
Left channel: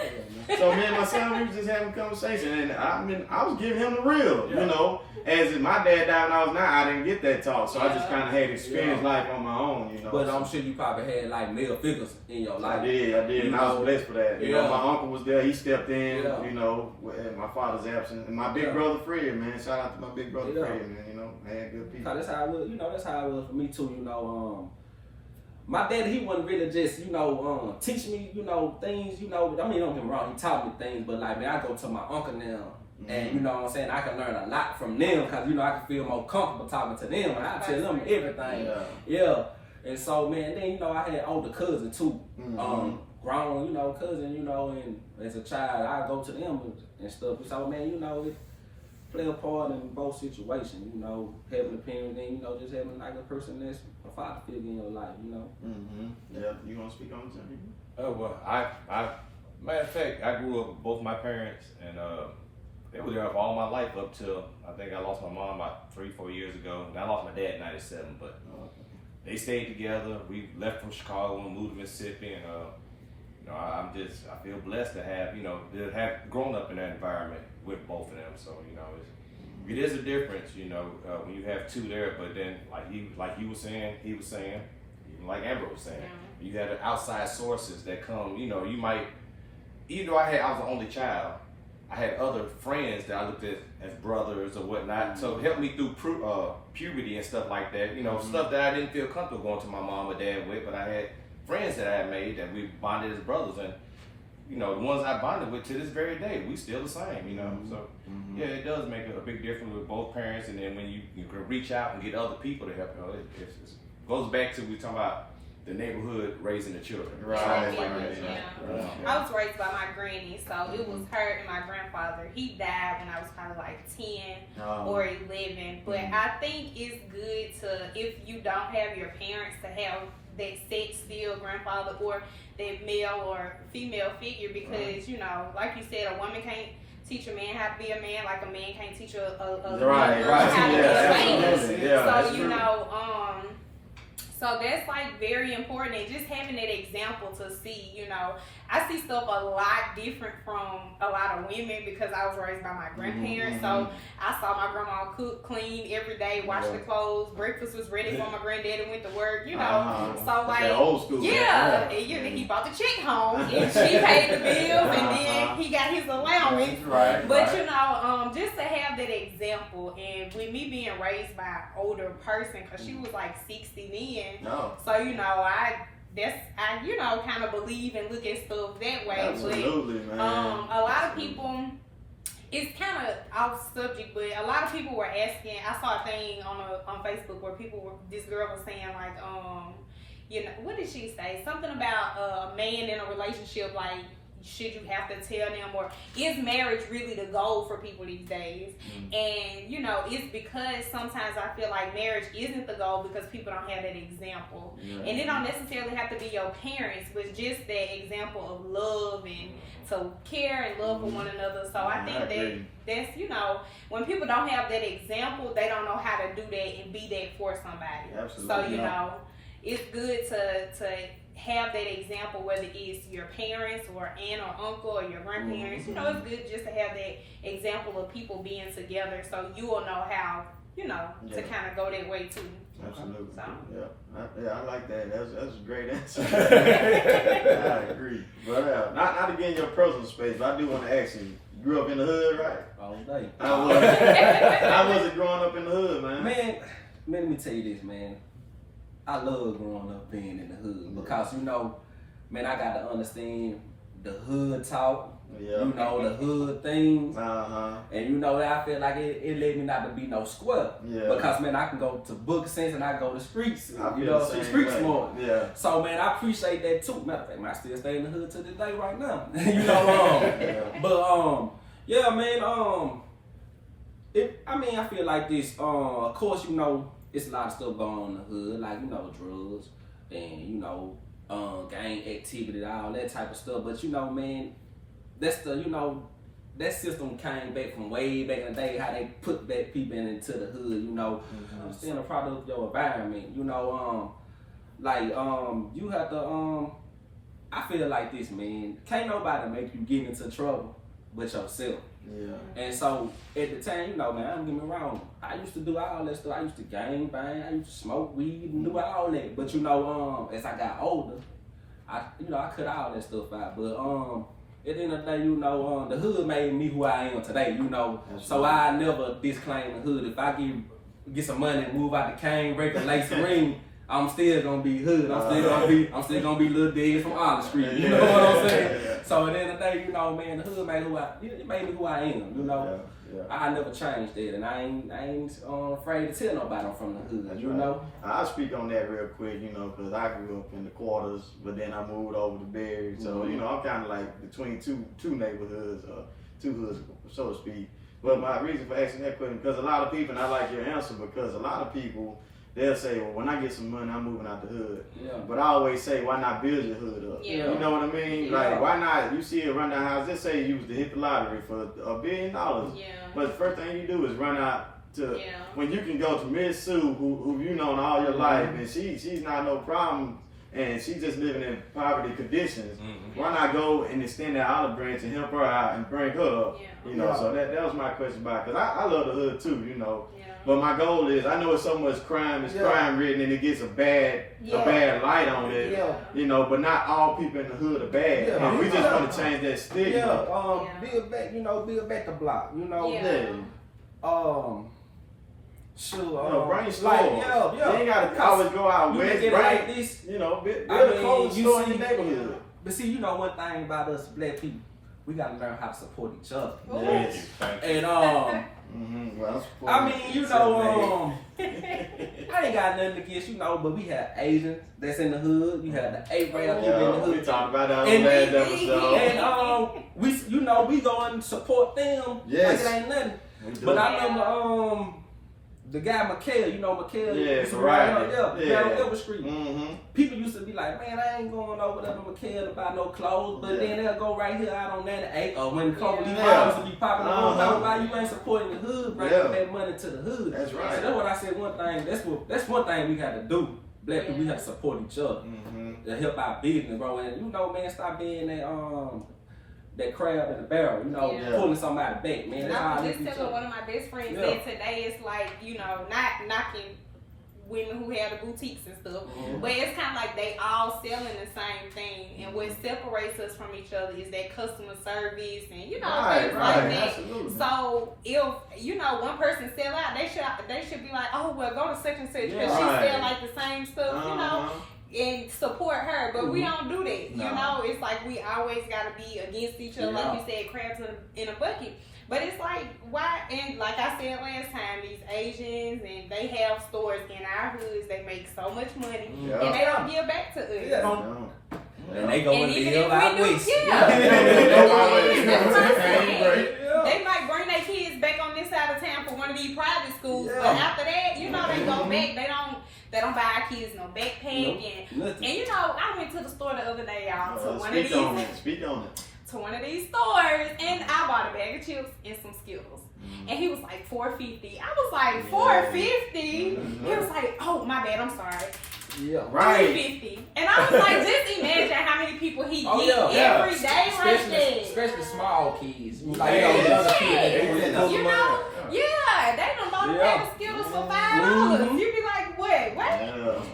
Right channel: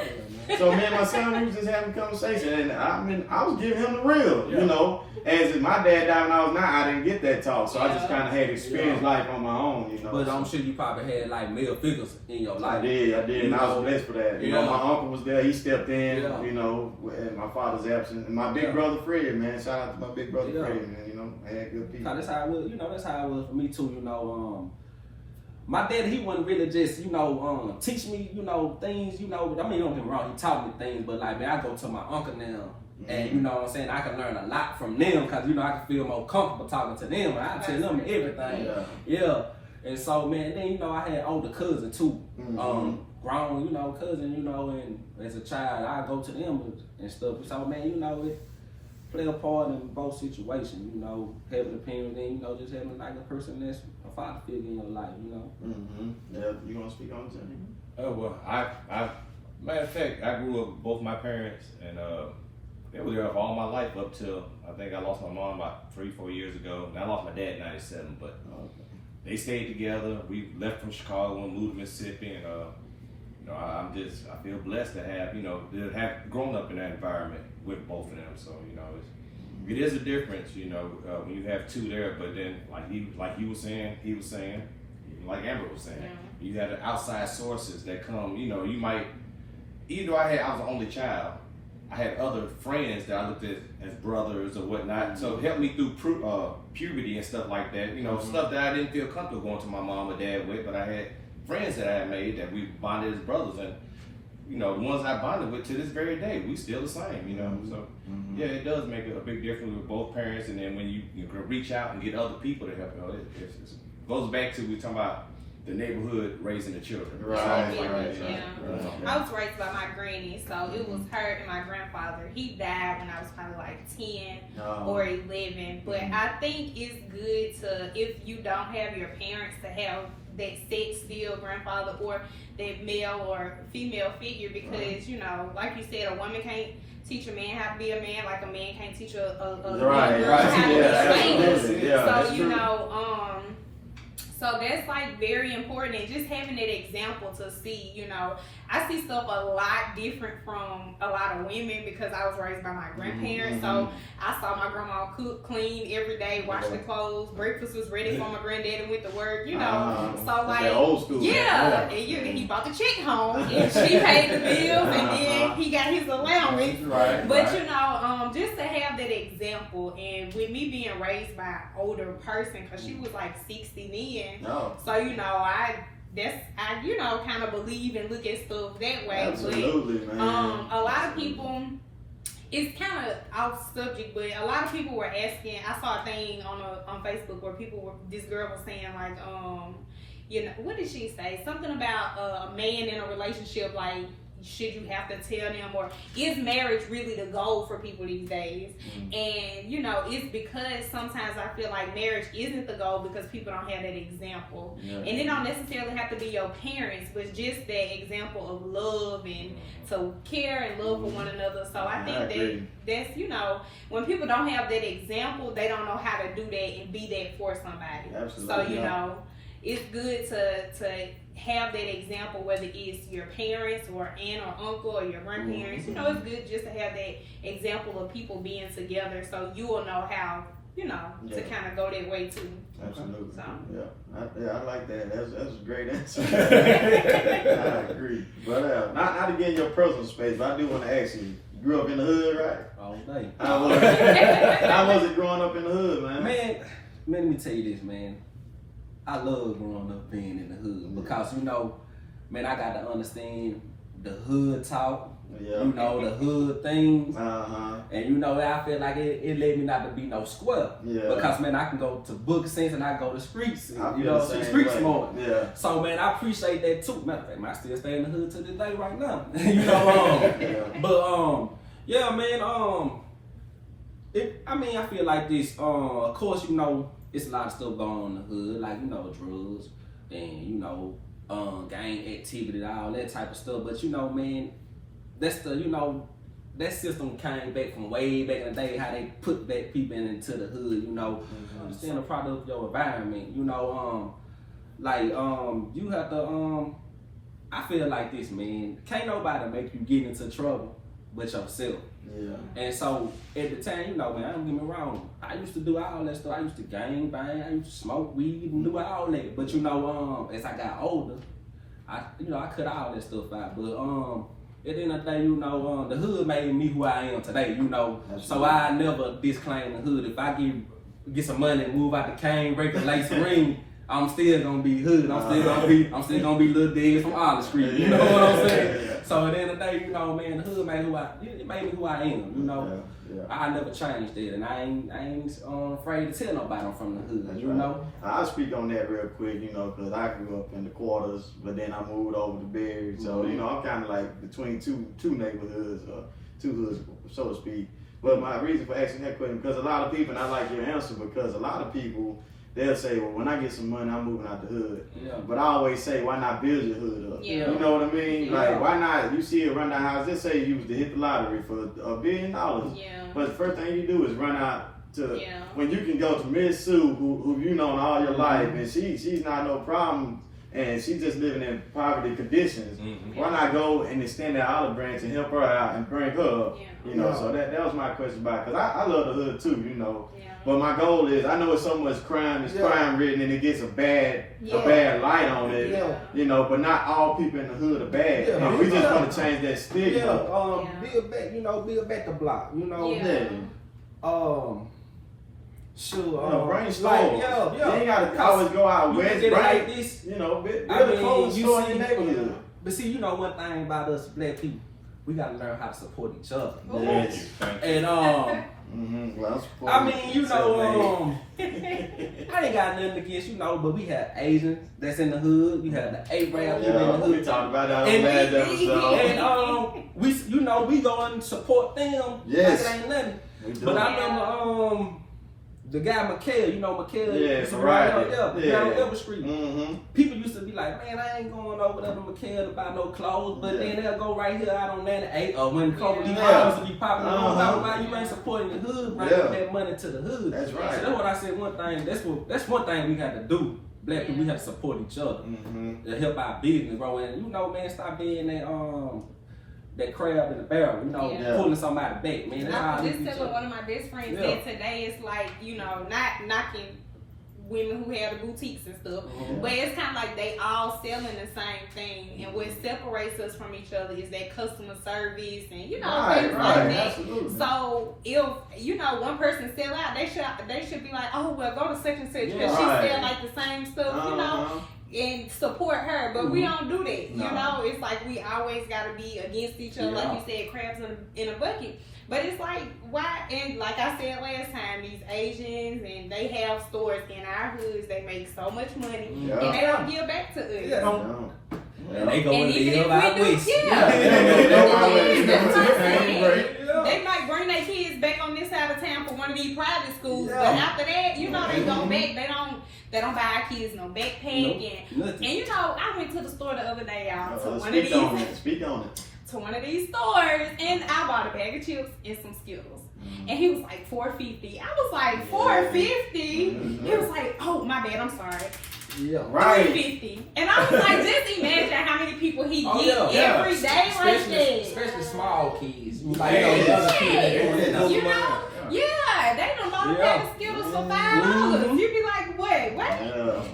So me and my son, we was just having a conversation, and I was giving him the real, you know. As my dad died when I was 9, I didn't get that talk, so I just kind of had to experience life on my own, you know. But I'm sure you probably had like male figures in your life. I did, and I was blessed for that. You know, my uncle was there, he stepped in, you know, in my father's absence, and my big brother Fred, man. Shout out to my big brother Fred, man. You know, I had good people. That's how it was. You know, that's how it was for me too. You know, my daddy, he wasn't really just, teach me, things, I mean, don't get me wrong, he taught me things, but like, man, I go to my uncle now, and you know what I'm saying, I can learn a lot from them, because, I can feel more comfortable talking to them, and I tell them everything. Yeah. And so, man, then, I had older cousins too, grown, cousin, and as a child, I go to them and stuff. So, man, it play a part in both situations, having a parent and, just having like a person that's a father figure in your life, Yeah, you want to speak on something? Oh, well, I matter of fact, I grew up with both my parents, and they were there for all my life up till, I think I lost my mom about 3-4 years ago. And I lost my dad in 97, but they stayed together. We left from Chicago and moved to Mississippi, and I feel blessed to have, to have grown up in that environment with both of them. So, it is a difference, when you have two there, but then like you were saying, he was saying, even like Amber was saying, you have the outside sources that come, you might, even though I was the only child, I had other friends that I looked at as brothers or whatnot, so it helped me through puberty and stuff like that, stuff that I didn't feel comfortable going to my mom or dad with, but I had friends that I had made that we bonded as brothers, and the ones I bonded with to this very day, we still the same, so yeah, it does make a big difference with both parents, and then when you can reach out and get other people to help, it goes back to we talking about the neighborhood raising the children. Right. I was raised by my granny, so it was her and my grandfather. He died when I was kind of like 10 or 11, but I think it's good to, if you don't have your parents, to have that sex still grandfather or that male or female figure, because like you said, a woman can't teach a man how to be a man like a man can't teach a girl how to be a man. So so that's like very important, and just having that example to see, I see stuff a lot different from a lot of women because I was raised by my grandparents. So I saw my grandma cook, clean every day, wash the clothes, breakfast was ready for my granddaddy went to work, so like, old school, and he bought the check home, and she paid the bills, and then he got his allowance. But just to have that example, and with me being raised by an older person, because she was like 60 then, so I kind of believe and look at stuff that way. Absolutely, but, man. a lot of people, it's kind of off subject, but a lot of people were asking. I saw a thing on Facebook where this girl was saying like, what did she say? Something about a man in a relationship, like, should you have to tell them, or is marriage really the goal for people these days? And it's because sometimes I feel like marriage isn't the goal because people don't have that example, and it don't necessarily have to be your parents, but just that example of love and to care and love for one another. So I think that's when people don't have that example, they don't know how to do that and be that for somebody. Absolutely. So it's good to have that example, whether it's your parents or aunt or uncle or your grandparents. It's good just to have that example of people being together, so you will know how, to kind of go that way too. Absolutely. So. I like that. That's a great answer. I agree. But not to get in your personal space, but I do want to ask you grew up in the hood, right? All day. How was it growing up in the hood, man? Man, let me tell you this, man. I love growing up being in the hood because, man, I got to understand the hood talk, the hood things. And, I feel like it led me not to be no square. Because, man, I can go to book sense and I go to streets, street smart. So, man, I appreciate that too. Matter of fact, man, I still stay in the hood to this day right now. But, yeah, man, I feel like this. Of course, it's a lot of stuff going on in the hood, like, drugs and, gang activity, all that type of stuff. But, man, that's that system came back from way back in the day, how they put back people into the hood, Still a product of your environment, you have to, I feel like this, man, can't nobody make you get into trouble but yourself. And so at the time, man, don't get me wrong, I used to do all that stuff. I used to gang bang, I used to smoke weed and do all that. But as I got older, I cut all that stuff out. But at the end of the day, the hood made me who I am today, So I never disclaim the hood. If I get some money and move out the cane, break a lace ring, I'm still gonna be hood. I'm still gonna be Lil Dez from Olive Street. You know what I'm saying? So at the end of the day, you know, man, the hood made me who I am. You know, I never changed that, and I ain't afraid to tell nobody I'm from the hood. You know. I'll speak on that real quick. You know, because I grew up in the quarters, but then I moved over to Berry. So you know, I'm kind of like between two neighborhoods, two hoods, so to speak. But my reason for asking that question, because a lot of people, and I like your answer, because a lot of people, they'll say, well, when I get some money, I'm moving out the hood. Yeah. But I always say, why not build your hood up? Yeah. You know what I mean? Yeah. Like, why not? You see it run the house, let's say you was to hit the lottery for $1 billion. Yeah. But the first thing you do is run out to, when you can go to Miss Sue, who you known all your life, and she's not no problem, and she's just living in poverty conditions. Why not go and extend that olive branch and help her out and bring her up? You know, so that was my question about, because I love the hood too, you know. But my goal is, I know it's so much crime, it's crime written, and it gets a bad light on it, you know, but not all people in the hood are bad. We just want to change that stigma. Build back the block, you know. Sure. Bring stores. You ain't got to always go out west, right? Like this, you know, build a clothing store in your neighborhood. But see, you know one thing about us black people, we got to learn how to support each other. Yes. And well, I mean, you know, I ain't got nothing against, you know, but we have Asians that's in the hood. You have the Arab people in the hood. We talked about that on last episode. And we go and support them. Yes. Like it ain't nothing. But I remember the guy Mikhail, you know Mikhail, used to right on Elber Street. People used to be like, man, I ain't going over there to Mikhail to buy no clothes, but then they'll go right here out on 98, or when these moms will be popping on, why you ain't supporting the hood, bringing that money to the hood. That's right. So that's what I said. One thing, that's one thing we had to do. Black people, we have to support each other to help our business grow. And you know, man, stop being that crab in the barrel, you know, pulling somebody back, man. I was just telling one of my best friends that today it's like, you know, not knocking women who have the boutiques and stuff, but it's kind of like they all selling the same thing, and what separates us from each other is that customer service and, you know, things like that. Absolutely. So if, you know, one person sell out, they should be like, oh, well, go to such and such because she sell like the same stuff, you know, and support her, but we don't do that. You know, it's like we always gotta be against each other, like you said, crabs in a bucket. But it's like, why? And like I said last time, these Asians and they have stores in our hoods. They make so much money, and they don't give back to us. And they go and live out west. They might bring their kids back on this side of town for one of these private schools, but after that, you know, they go back. They don't buy our kids no backpack and you know, I went to the store the other day, y'all, to one of these stores, and I bought a bag of chips and some Skittles. And he was like $4.50. I was like $4.50. He was like, oh my bad, I'm sorry. Yeah, right. $3.50. And I was like, just imagine how many people he gets every day right there. Especially small kids. Like, you know, younger kids. You know, they done bought a bag of Skittles for $5. You be like, what?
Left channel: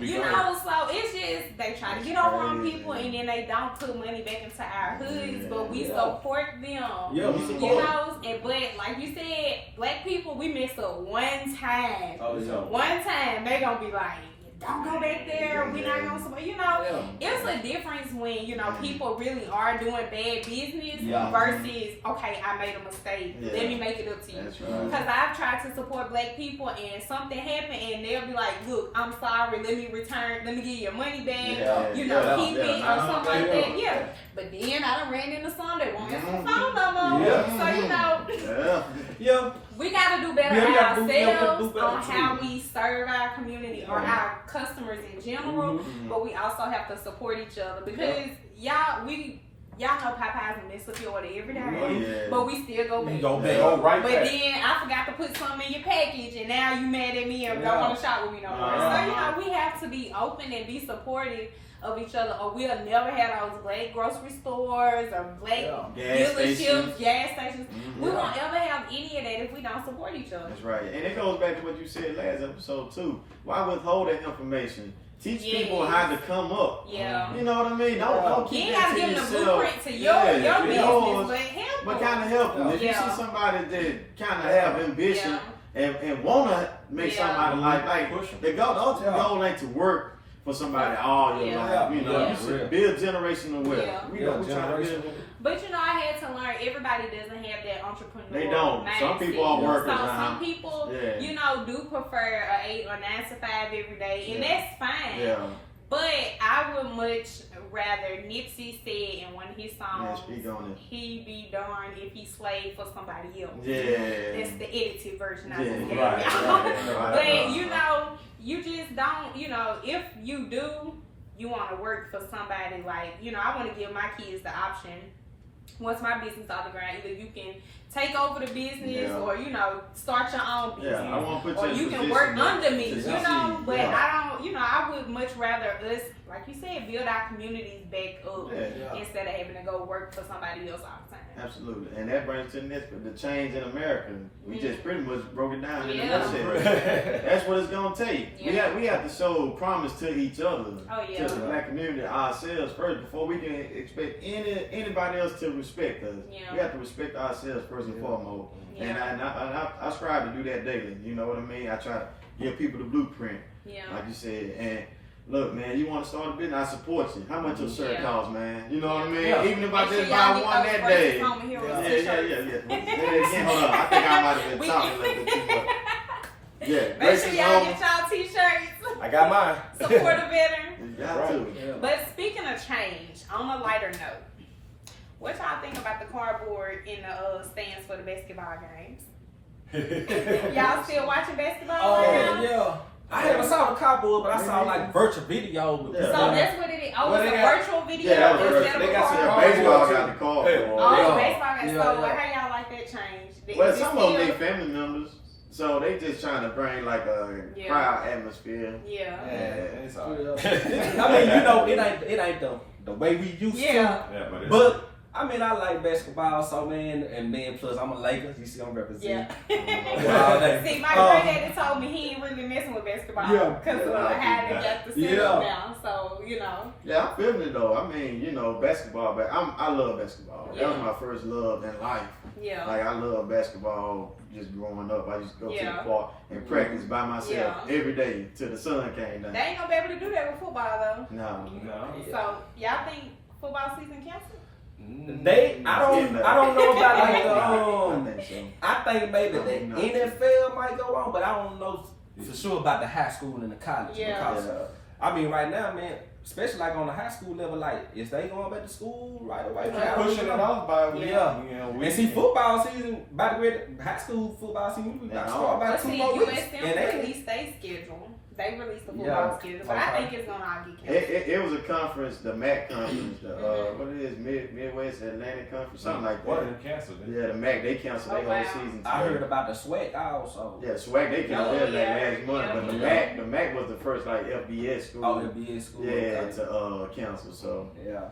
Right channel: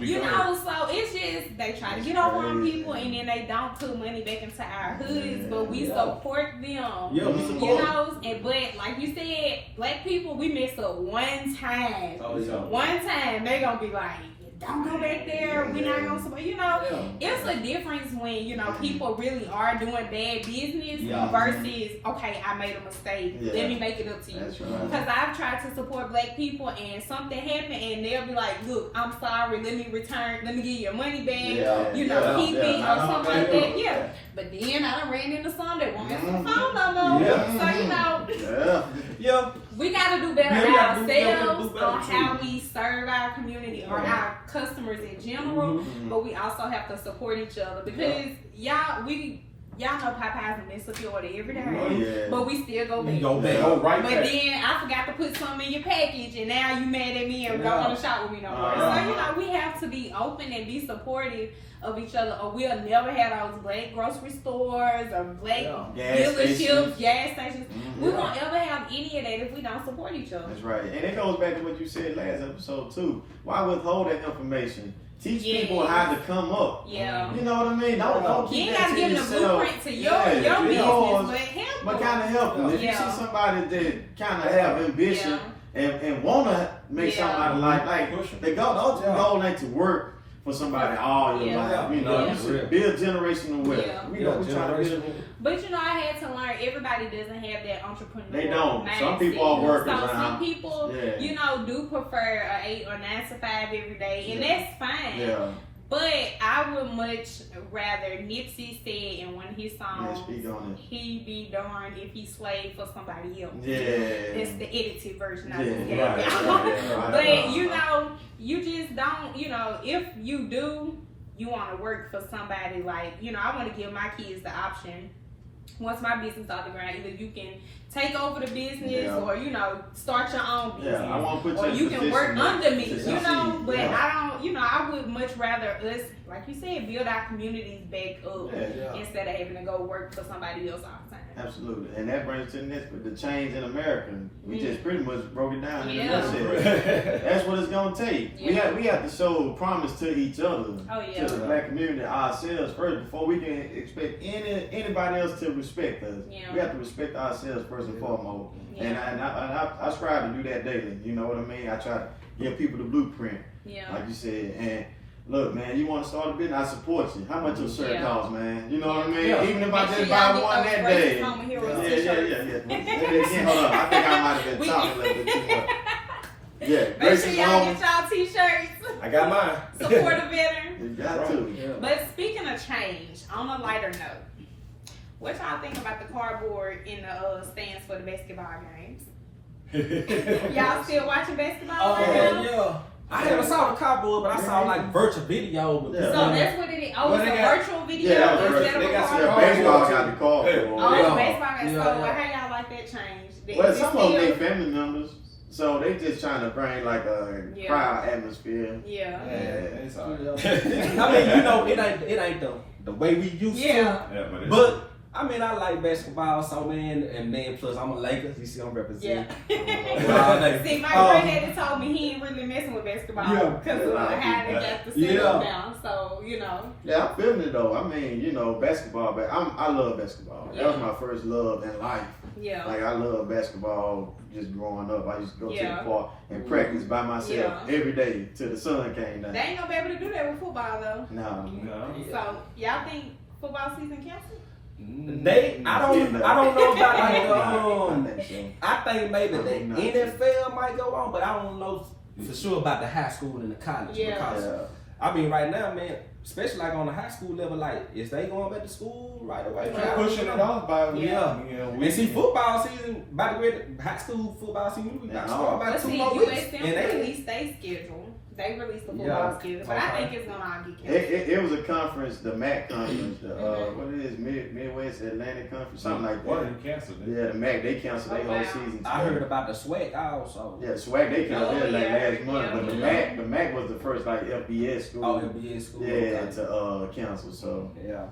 You know, so it's just, they try to get over on people, and then they don't put money back into our hoods, but we support them. Yeah, we support them. You know, but like you said, black people, we mess up one time. One time, they gonna be like, don't go back there, we're not gonna support, you know, it's a difference when, you know, people really are doing bad business versus, okay, I made a mistake, let me make it up to you. Because I've tried to support black people and something happened and they'll be like, look, I'm sorry, let me give you your money back, you know, keep it or something like that. But then I done ran into some that won't answer the phone no more. So, you know, we gotta do better ourselves on how we serve our community or our customers in general, but we also have to support each other because y'all know Popeyes and mess up your order every day, but we still go back. But then I forgot to put something in your package, and now you mad at me and don't want to shop with me no more. So you know, we have to be open and be supportive of each other, or we'll never have those black grocery stores or black dealerships, gas stations. We won't ever have any of that if we don't support each other. That's right. And it goes back to what you said last episode too. Why withhold that information? Teach people how to come up. You know what I mean? Don't keep that to yourself. You ain't got to give them a blueprint to your business, but kind of help them. If you see somebody that kind of have ambition and want to make somebody like the goal ain't to work for somebody all your life. You know, you should build generational wealth. Yeah. We trying to build. But you know, I had to learn. Everybody doesn't have that entrepreneurial. They don't. mindset. Some people are workers. So some people, you know, do prefer a 8 or 9 to 5 every day, and that's fine. Yeah. But I would much rather, Nipsey said in one of his songs, he be darned if he slaved for somebody else. Yeah. That's the edited version of it. Right. But you know, you just don't, you know, if you do, you want to work for somebody like, you know, I want to give my kids the option. Once my business off the ground, either you can take over the business or, you know, start your own business. I want to put or you can work under me, you know, but I don't, you know, I would much rather us, like you said, build our communities back up instead of having to go work for somebody else all the time. Absolutely. And that brings to the next, the change in America. We just pretty much broke it down in the nutshell. That's what it's going to take. We have to show promise to each other, to the black community, ourselves first, before we can expect anybody else to respect us. We have to respect ourselves first and foremost. And I strive to do that daily. You know what I mean? I try to give people the blueprint, like you said. And look, man, you want to start a business, I support you. How much your shirt costs, man? You know what I mean? Even if I just buy one that day. Hold on. I think I might have been talking a little bit too much. Make sure y'all get y'all t-shirts. I got mine. Support a veteran. You got to. Yeah. But speaking of change, on a lighter note, what y'all think about the cardboard in the stands for the basketball games? Y'all still watching basketball? Yeah. I haven't saw the cardboard, but I saw like virtual video. So that's what it is. Oh, it's a virtual video. Yeah, that was they got baseball got the cardboard. Oh, baseball got so how y'all like that change? Well, some of them they family members. So they just trying to bring like a crowd atmosphere. I mean, you know, it ain't the way we used to. But I mean, I like basketball, so man, and then plus I'm a Lakers. You see, I'm representing. See, my granddaddy told me he ain't really messing with basketball because of how they got the setup now. So you know. Yeah, I'm feeling it though. I mean, you know, basketball, but I love basketball. That was my first love in life. Yeah. Like I love basketball. Just growing up, I used to go to the park and practice by myself every day till the sun came down. They ain't gonna be able to do that with football though. No. So y'all think football season canceled? I don't know about like I think maybe the NFL might go on, but I don't know for sure about the high school and the college because I mean right now, man, especially like on the high school level, like is they going back to school right away? Pushing it on by and see football season about to get high school football season. We got to start about 2 more weeks. And they released their schedule. They released the football schedule, but I think it's gonna all get canceled. It was a conference, the MAC conference, what it is, Midwest Atlantic Conference, something like that. What did they cancel? Yeah, the MAC they canceled their whole season. I heard about the SWAC also. Yeah, SWAC they canceled that like last month, but the MAC was the first like FBS school. Oh, FBS school. Yeah, to cancel. So yeah.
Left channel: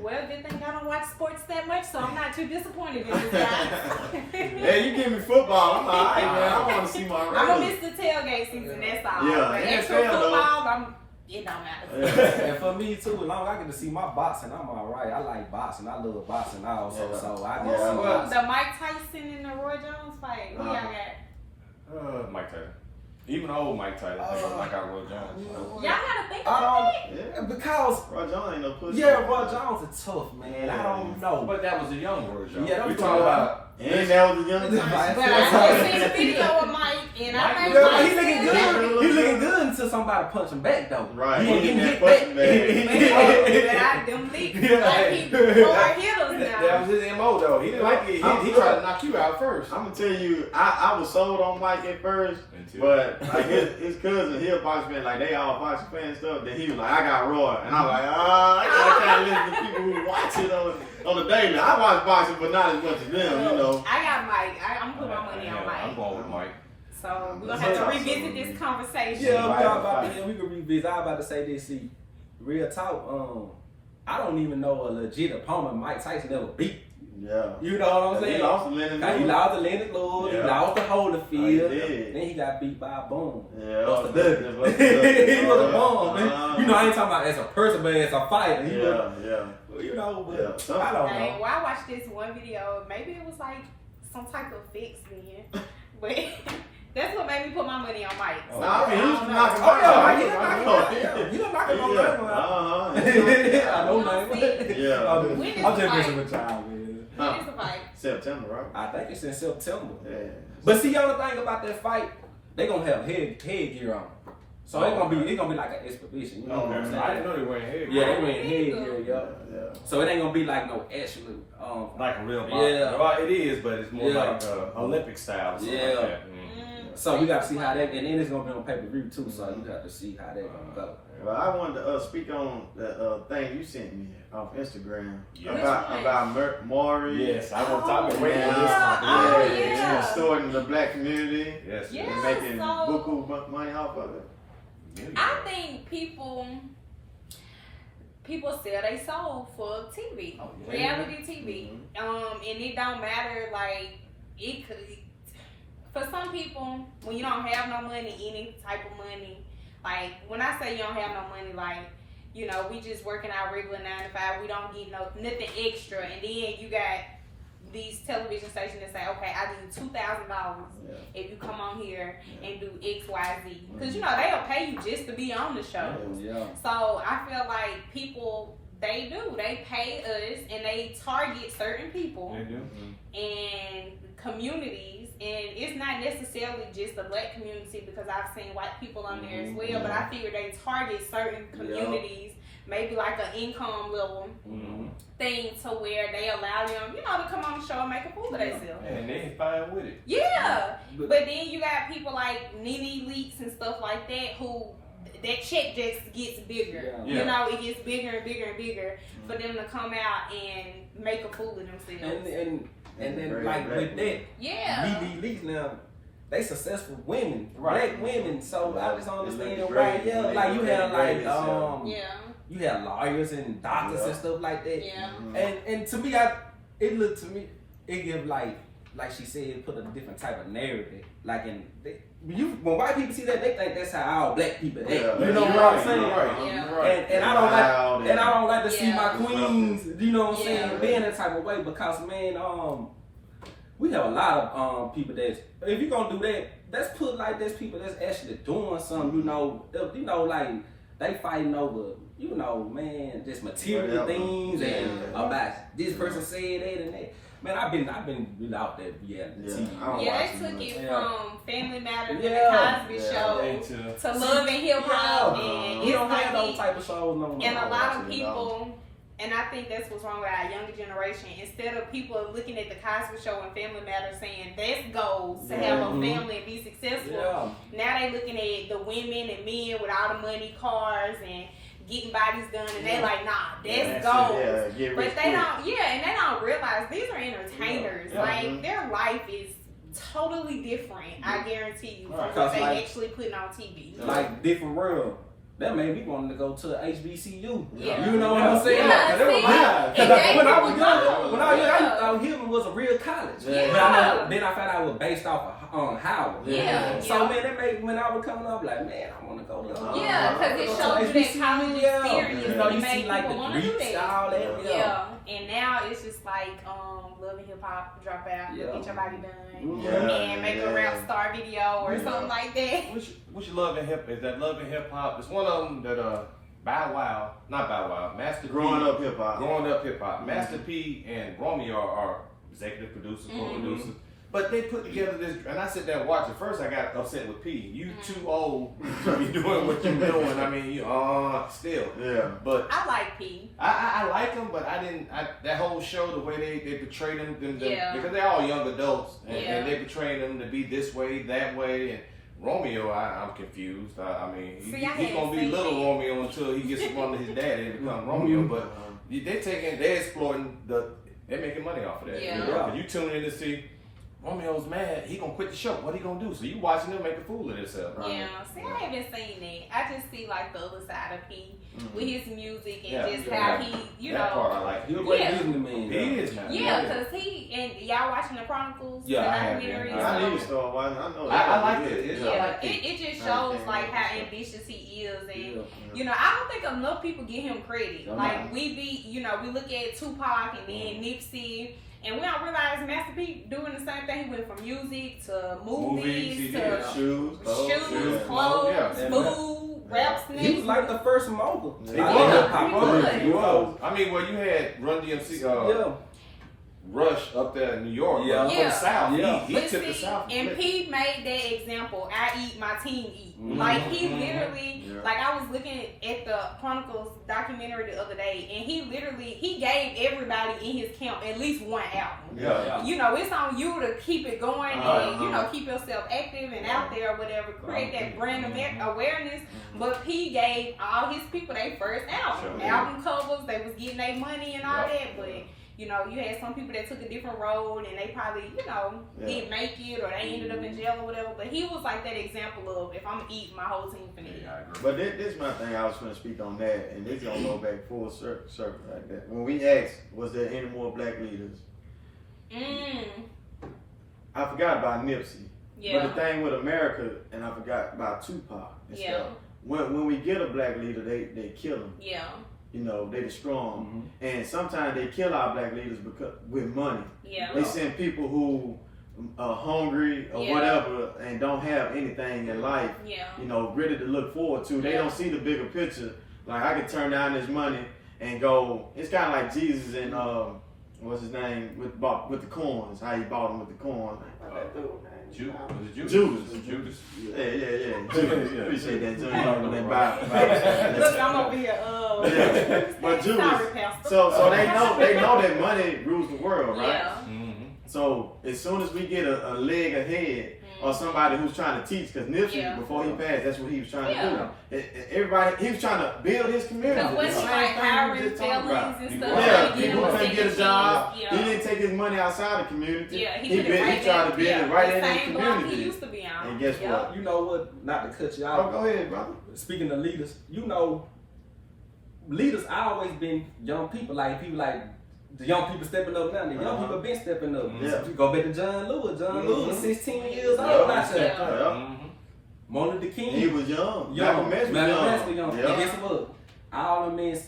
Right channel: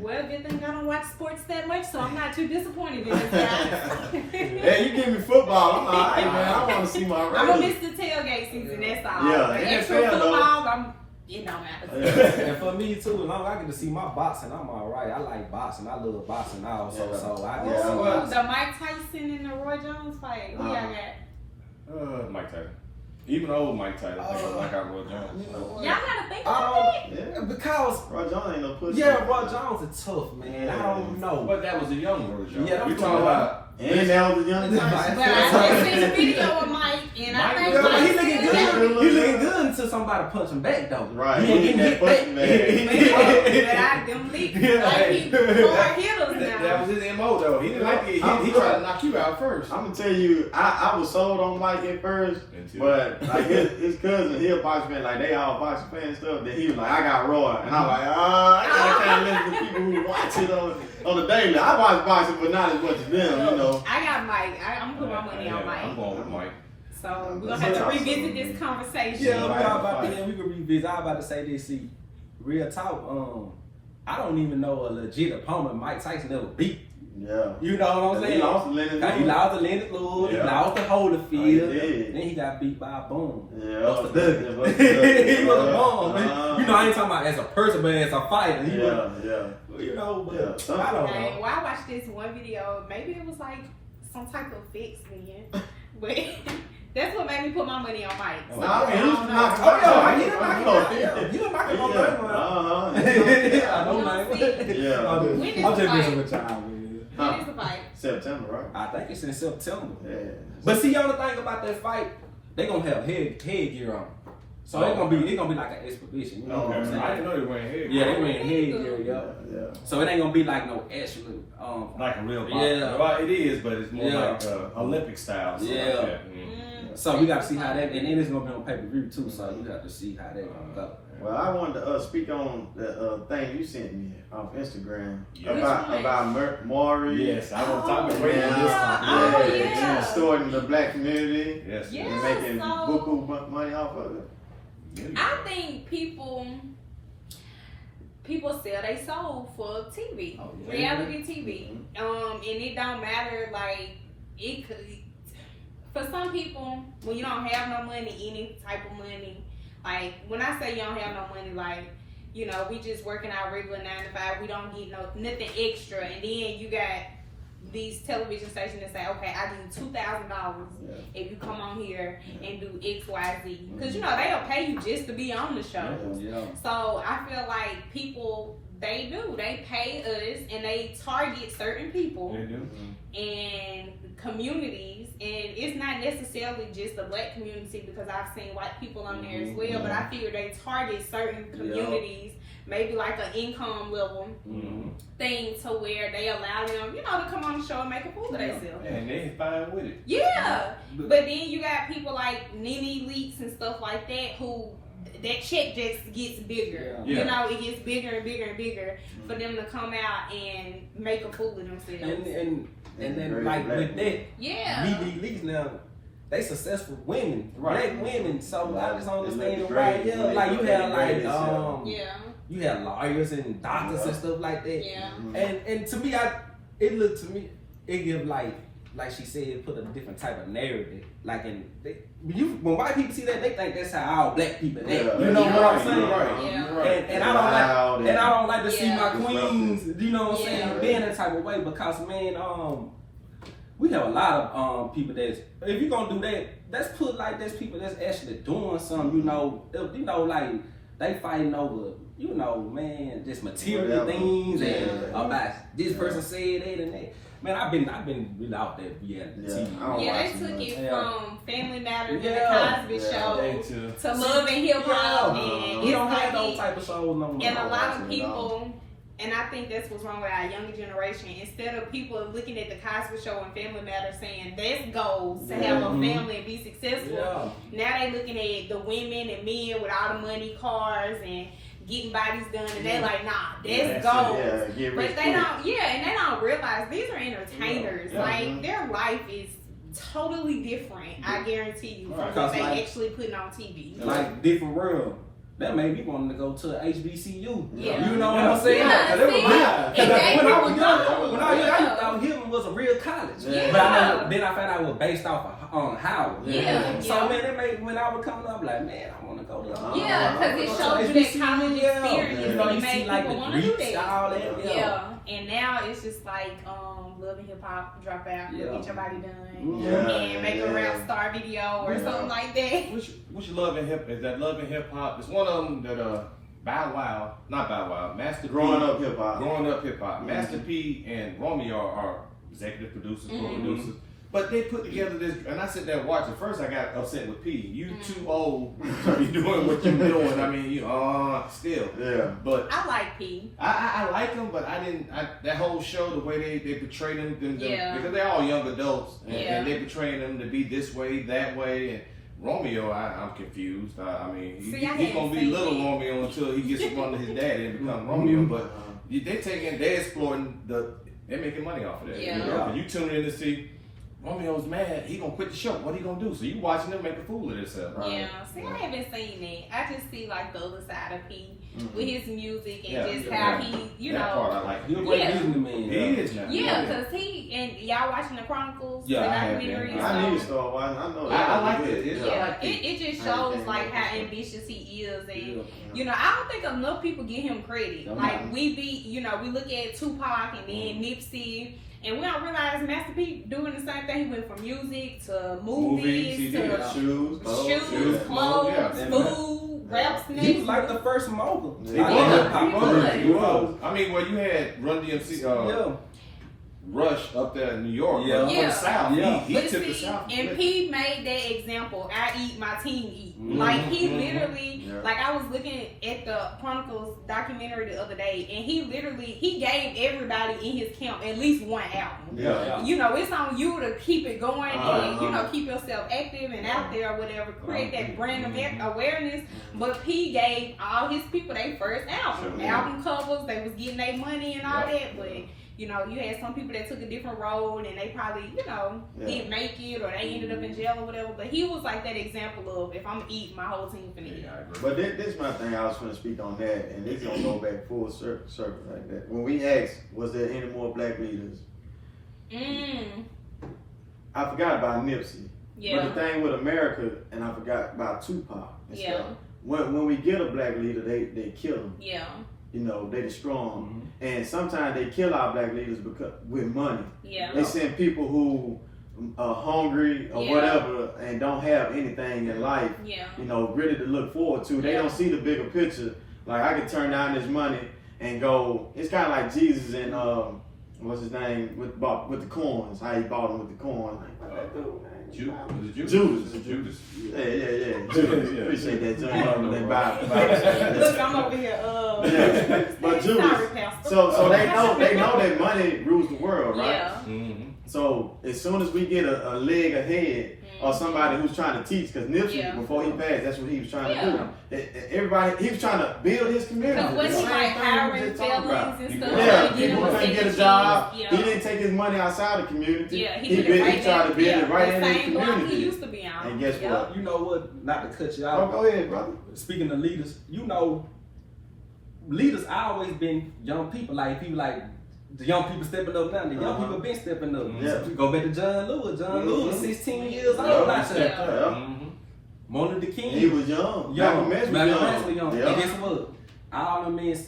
Well, good thing I don't watch sports that much, so I'm not too disappointed in this guy. Hey, you give me football, I'm alright, man. I want to see my Raiders. I'm gonna miss the tailgate season. That's all. Yeah. But extra football, it don't matter. And for me too, as long as I get to see my boxing, I'm alright. I like boxing. I love boxing also. So I get to see boxing. The Mike Tyson and the Roy Jones fight. Who y'all got? Mike Tyson. Even old Mike Tyson, like I Roy Jones. Y'all gotta think about it. Because Roy Jones ain't no pussy. Yeah, Roy Jones is tough, man. I don't know. But that was a young Roy Jones. Yeah, we talking about. And that was a young Tyson. But I seen a video of Mike, and I think he looking good. He looking good until somebody punch him back, though. Right. He getting hit back. Them leaks, hitters now. That was his MO, though. He didn't like it. He tried to knock you out first. I'm gonna tell you, I was sold on Mike at first, but like his cousin, he a boxing fan, like they all boxing fans and stuff. Then he was like, I got Roy, and I'm like, I can't listen to people who watch it on the daily. I watch boxing, but not as much as them, you know. I got Mike. I'm putting my money on Mike. I'm going with Mike. So we're gonna have to revisit this conversation. Yeah, we can revisit. I was about to say this. See, real talk. I don't even know a legit opponent Mike Tyson ever beat. Yeah. You know what I'm saying? He lost to Lennox Lewis. He lost to Lennox Lewis. He lost to Holyfield. Then he got beat by a bum. Yeah. He was a bum, man. You know, I ain't talking about as a person, but as a fighter. You know, but I don't know. Well, I watched this one video. Maybe it was like some type of fix then. But That's what made me put my money on Mike. No, I mean, he was knocking You don't knock him on that. I know, man. Yeah. I'm just messing with y'all, man. When is the fight? September, right? I think it's in September. Yeah. But see, y'all the thing about that fight, they gonna have headgear on. So it's gonna be like an expedition, you know what I'm saying? I didn't know they wearing headgear. Yeah, they wearing headgear, yeah. So it ain't gonna be like no absolute like a real boxer. Yeah. Well, it is, but it's more like Olympic style. Yeah. Like that. So we got to see how that, and then it's gonna be on pay-per-view too. So you have to see how that gonna go. Well, I wanted to speak on the thing you sent me off Instagram Yeah. about Maury. Yes, I want to talk about Yeah, yeah. distorting the black community. Yes. Yeah. And making so- buku money off of it. I think people sell their soul for TV, reality TV. And it don't matter, like, it could, for some people, when you don't have no money, any type of money, like, when I say you don't have no money, like, you know, we just working our regular 9 to 5, we don't get nothing extra, and then you got these television stations that say, okay, I need $2,000 if you come on here and do X, Y, Z. Because, you know, they'll pay you just to be on the show. Yeah. So I feel like people, they pay us and they target certain people and communities. And it's not necessarily just the black community, because I've seen white people on there as well, but I figure they target certain communities, maybe like an income level thing, to where they allow them, you know, to come on the show and make a fool of themselves. And they fine with it. Yeah. But then you got people like Nene Leaks and stuff like that, who that check just gets bigger. Yeah. You know, it gets bigger and bigger and bigger for them to come out and make a fool of themselves. And then like with that, Yeah. Nene Leaks now, they successful women, Right. black women. So I just don't They understand look why. great. Yeah, They like you look have like great as hell. you have lawyers and doctors and stuff like that. Yeah. And to me, it give like she said, it put a different type of narrative. Like when white people see that, they think that's how all black people act. Yeah. You know what I'm saying? Yeah. And I don't like to see Yeah. my queens, you know what I'm Yeah. saying, being that type of way, because man, we have a lot of people that's, if you're gonna do that, let's put like there's people that's actually doing something, you know, like they fighting over, you know, man, just material things and about this person said that and that. Man, I've been really out there TV. Yeah, they took it from Family Matters Yeah. and the Cosby Show to to Love and Hip Hop. And We don't it's have like those type of shows no more. And a lot of people, and I think that's what's wrong with our younger generation. Instead of people looking at the Cosby Show and Family Matters saying that's goals to have a family and be successful, now they looking at the women and men with all the money, cars, and getting bodies done, and they're like, nah, that's goals. But they don't, and they don't realize these are entertainers. Like, their life is totally different, I guarantee you, from what they actually putting on TV. Like different world. That made me want to go to HBCU. Yeah. You know what I'm saying? Yeah, Because when I was young, I thought Hilton was a real college. Yeah. But then I found out it was based off of Howard. Yeah. So man, it made, when I was coming up, like, man, I want to go to because it shows you that college experience. You know, you It see made like people the wanna do Greeks, that. all that. Yeah, and now it's just like Love and Hip Hop, drop out, get your body done, and make a rap star video or something like that. Which Love and Hip is that? Love and Hip Hop. It's one of them that not Bow Wow, Master Growing P, Up Hip Hop. Growing Up Hip Hop. Master P and Romeo are executive producers, co-producers. But they put together this, and I sit there and watch it. First, I got upset with P. You too old to be doing what you're doing. I mean, still. Yeah. But I like P. I like them, but that whole show, the way they portray them, because they're all young adults, and they portray them to be this way, that way, and Romeo, I'm confused. I mean, he's gonna be little Romeo until he gets one of his daddy and become Romeo. But they're exploiting they're making money off of that. Yeah. You know? You tune in to see Romeo's mad, he gonna quit the show. What he gonna do? So you watching them make a fool of themselves. Right? Yeah, see, I haven't seen that. I just see like the other side of P with his music and just how he, you that know. part I like. He's a great businessman. He is now. Yeah, because y'all watching the Chronicles? Yeah, the I have, documentary, I need to start watching. I know. I like it. It just shows like how ambitious he is, and you know, I don't think enough people give him credit. Like we look at Tupac and then Nipsey And we don't realize Master P doing the same thing. He went from music to movies to shoes, clothes, food, rap sneakers. He was like the first mogul. He was. I mean, well, you had Run DMC, Rush up there in New York, from the South. He took the South. And P made that example. I eat, my team eat. Like he literally, like I was looking at the Chronicles documentary the other day, and he gave everybody in his camp at least one album. You know, it's on you to keep it going and you know keep yourself active and out there or whatever, create that brand awareness. But P gave all his people their first album covers. They was getting their money and all that, but. You know, you had some people that took a different road and they probably, you know, didn't make it or they ended up in jail or whatever. But he was like that example of if I'm gonna eat, my whole team finna eat. But this is my thing. I was going to speak on that, and this gonna go back full circle like that. When we asked, was there any more black leaders? I forgot about Nipsey. But the thing with America, and I forgot about Tupac. And stuff. When we get a black leader, they kill them. You know, they destroy them. And sometimes they kill our black leaders because with money. They send people who are hungry or whatever and don't have anything in life, you know, really to look forward to. They don't see the bigger picture. Like, I could turn down this money and go, it's kind of like Jesus and, what's his name, with the coins, how he bought them with the coins. Judas. Yeah. Judas. Appreciate that, John. Look, I'm over here. But Judas. So they know that money rules the world, right? So as soon as we get a leg ahead or somebody who's trying to teach, because Nipsey, before he passed, that's what he was trying to do. Everybody, he was trying to build his community. When he like hiring felons and stuff. People couldn't get a job. He didn't take his money outside the community. He tried to build it right in his community. He used to be on. And guess what? You know what? Not to cut you out. Go ahead, brother. Speaking of leaders, you know, leaders always been young people. Like people like the young people stepping up now. The young people been stepping up. You go back to John Lewis. John Lewis, 16 years old. Martin Luther King. He was young. Malcolm X was young. And guess what? All the men,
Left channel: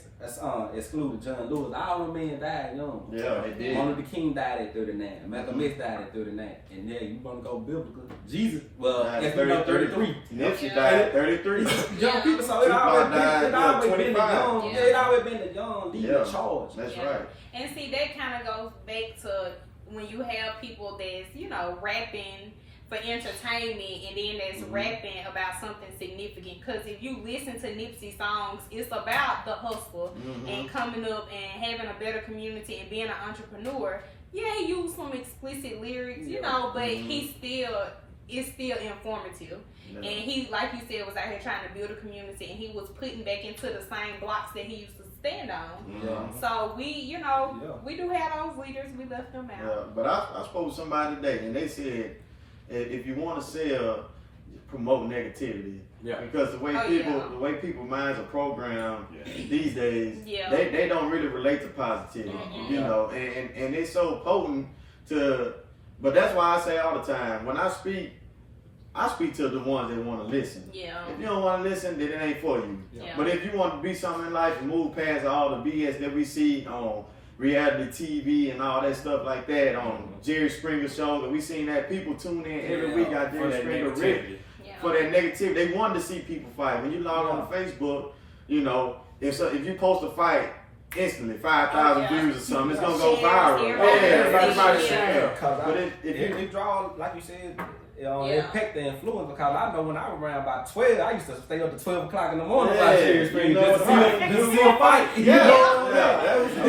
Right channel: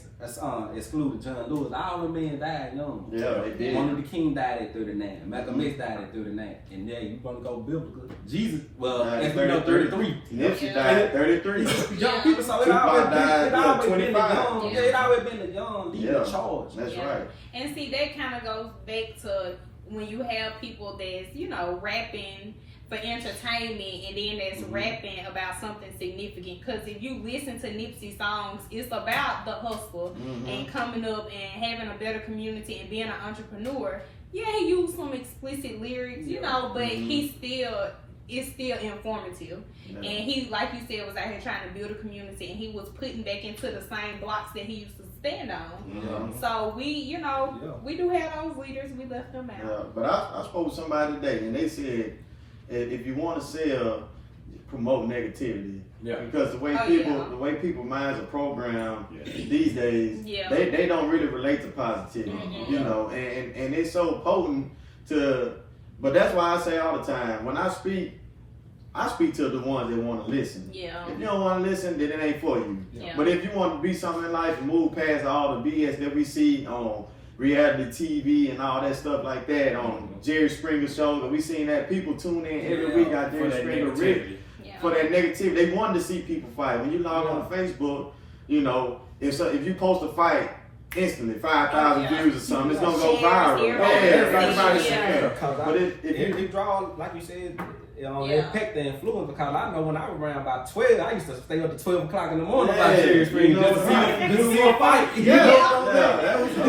excluded John Lewis, all the men died young. Yeah, they did. Martin Luther King died at 39. Malcolm X died at 39. And yeah, you want to go biblical. Jesus, well, as we know, 33. Nipsey died at 33. Young people, so it always been the young. Yeah, it always been the young leader in charge. That's right. And see, that kind of goes back to when you have people that's, you know, rapping for entertainment and then that's rapping about something significant. Because if you listen to Nipsey songs, it's about the hustle and coming up and having a better community and being an entrepreneur. Yeah, he used some explicit lyrics, you know, but it's still informative. And he, like you said, was out here trying to build a community, and he was putting back into the same blocks that he used to stand on. So we, you know, we do have those leaders. We left them out. But I spoke to somebody today, and they said, if you want to sell, promote negativity. Because the way people minds are programmed these days, they don't really relate to positivity. You know, and it's so potent to. But that's why I say all the time, when I speak to the ones that want to listen. If you don't want to listen, then it ain't for you. But if you want to be something in life and move past all the BS that we see on reality TV and all that stuff like that, on Jerry Springer show, and we seen that people tune in every week out there for that negativity. They wanted to see people fight. When you log on to Facebook, you know, if you post a fight, instantly 5,000 views or something, it's gonna go viral. Everybody's there. But if it draw, like you said, it picked the influence, because I know when I was around about 12, I used to stay up to 12 o'clock in the morning about Jerry Springer just to see a fight.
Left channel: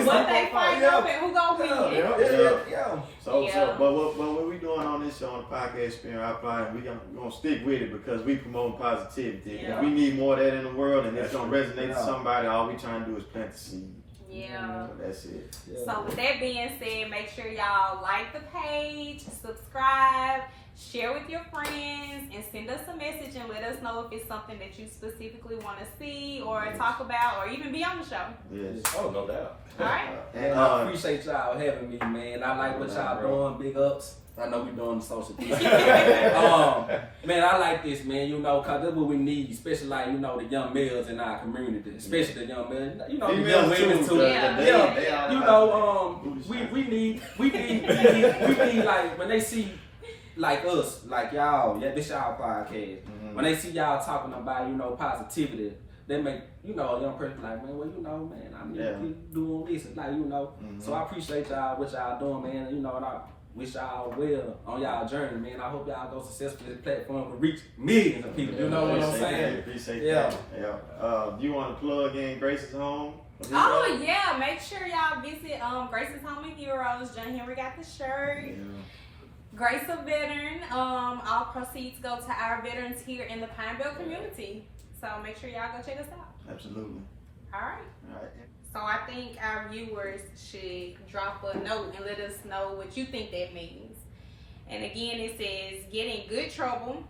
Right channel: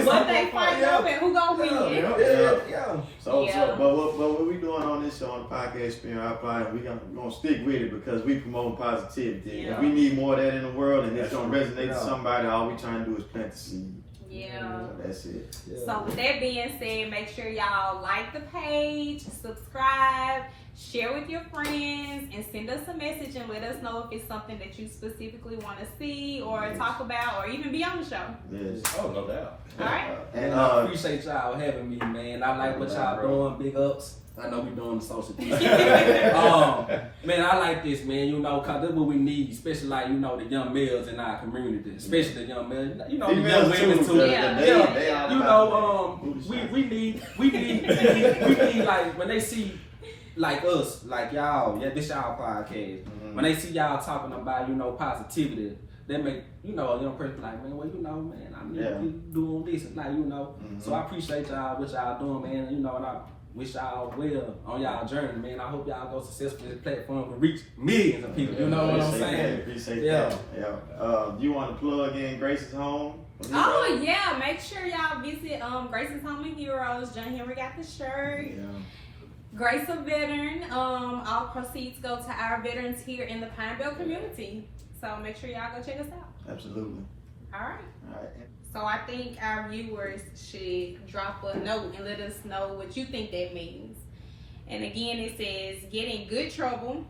What they fight over and who gonna win? But what we doing on this show, on the podcast experience, we're gonna stick with it because we promote positivity. We need more of that in the world, and it's gonna resonate to somebody. All we trying to do is plant the seed. That's it. So with that being said, make sure y'all like the page, subscribe, share with your friends, and send us a message and let us know if it's something that you specifically want to see or talk about or even be on the show. Yes. Oh, no doubt. All right. And I appreciate y'all having me, man. I like what y'all doing. Big ups. I know we doing the social distancing. Man, I like this, man. You know, cause that's what we need, especially like the young males in our community, especially the young males. The young women too. Yeah. We need like when they see like us, like y'all, this y'all podcast. When they see y'all talking about positivity. They make, a young person like, man, well, man, I need to keep doing this. Like, So I appreciate y'all, what y'all doing, man. And I wish y'all well on y'all journey, man. I hope y'all go successful. This platform can reach millions of people. You know what I'm saying? Appreciate that. Do you want to plug in Grace's home? Oh, yeah. Make sure y'all visit Grace's Home and Heroes. John Henry got the shirt. Yeah. Grace a veteran. All proceeds go to our veterans here in the Pine Belt community. So make sure y'all go check us out. Absolutely. All right. So I think our viewers should drop a note and let us know what you think that means. And again, it says, get in good trouble,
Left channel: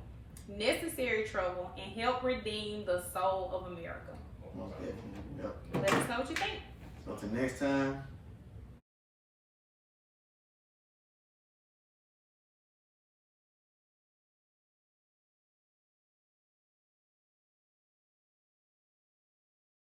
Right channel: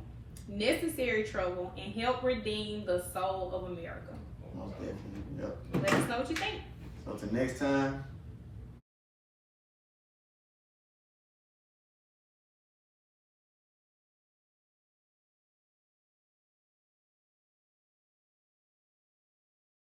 necessary trouble, and help redeem the soul of America. Most definitely. Yep. Let us know what you think. So till next time.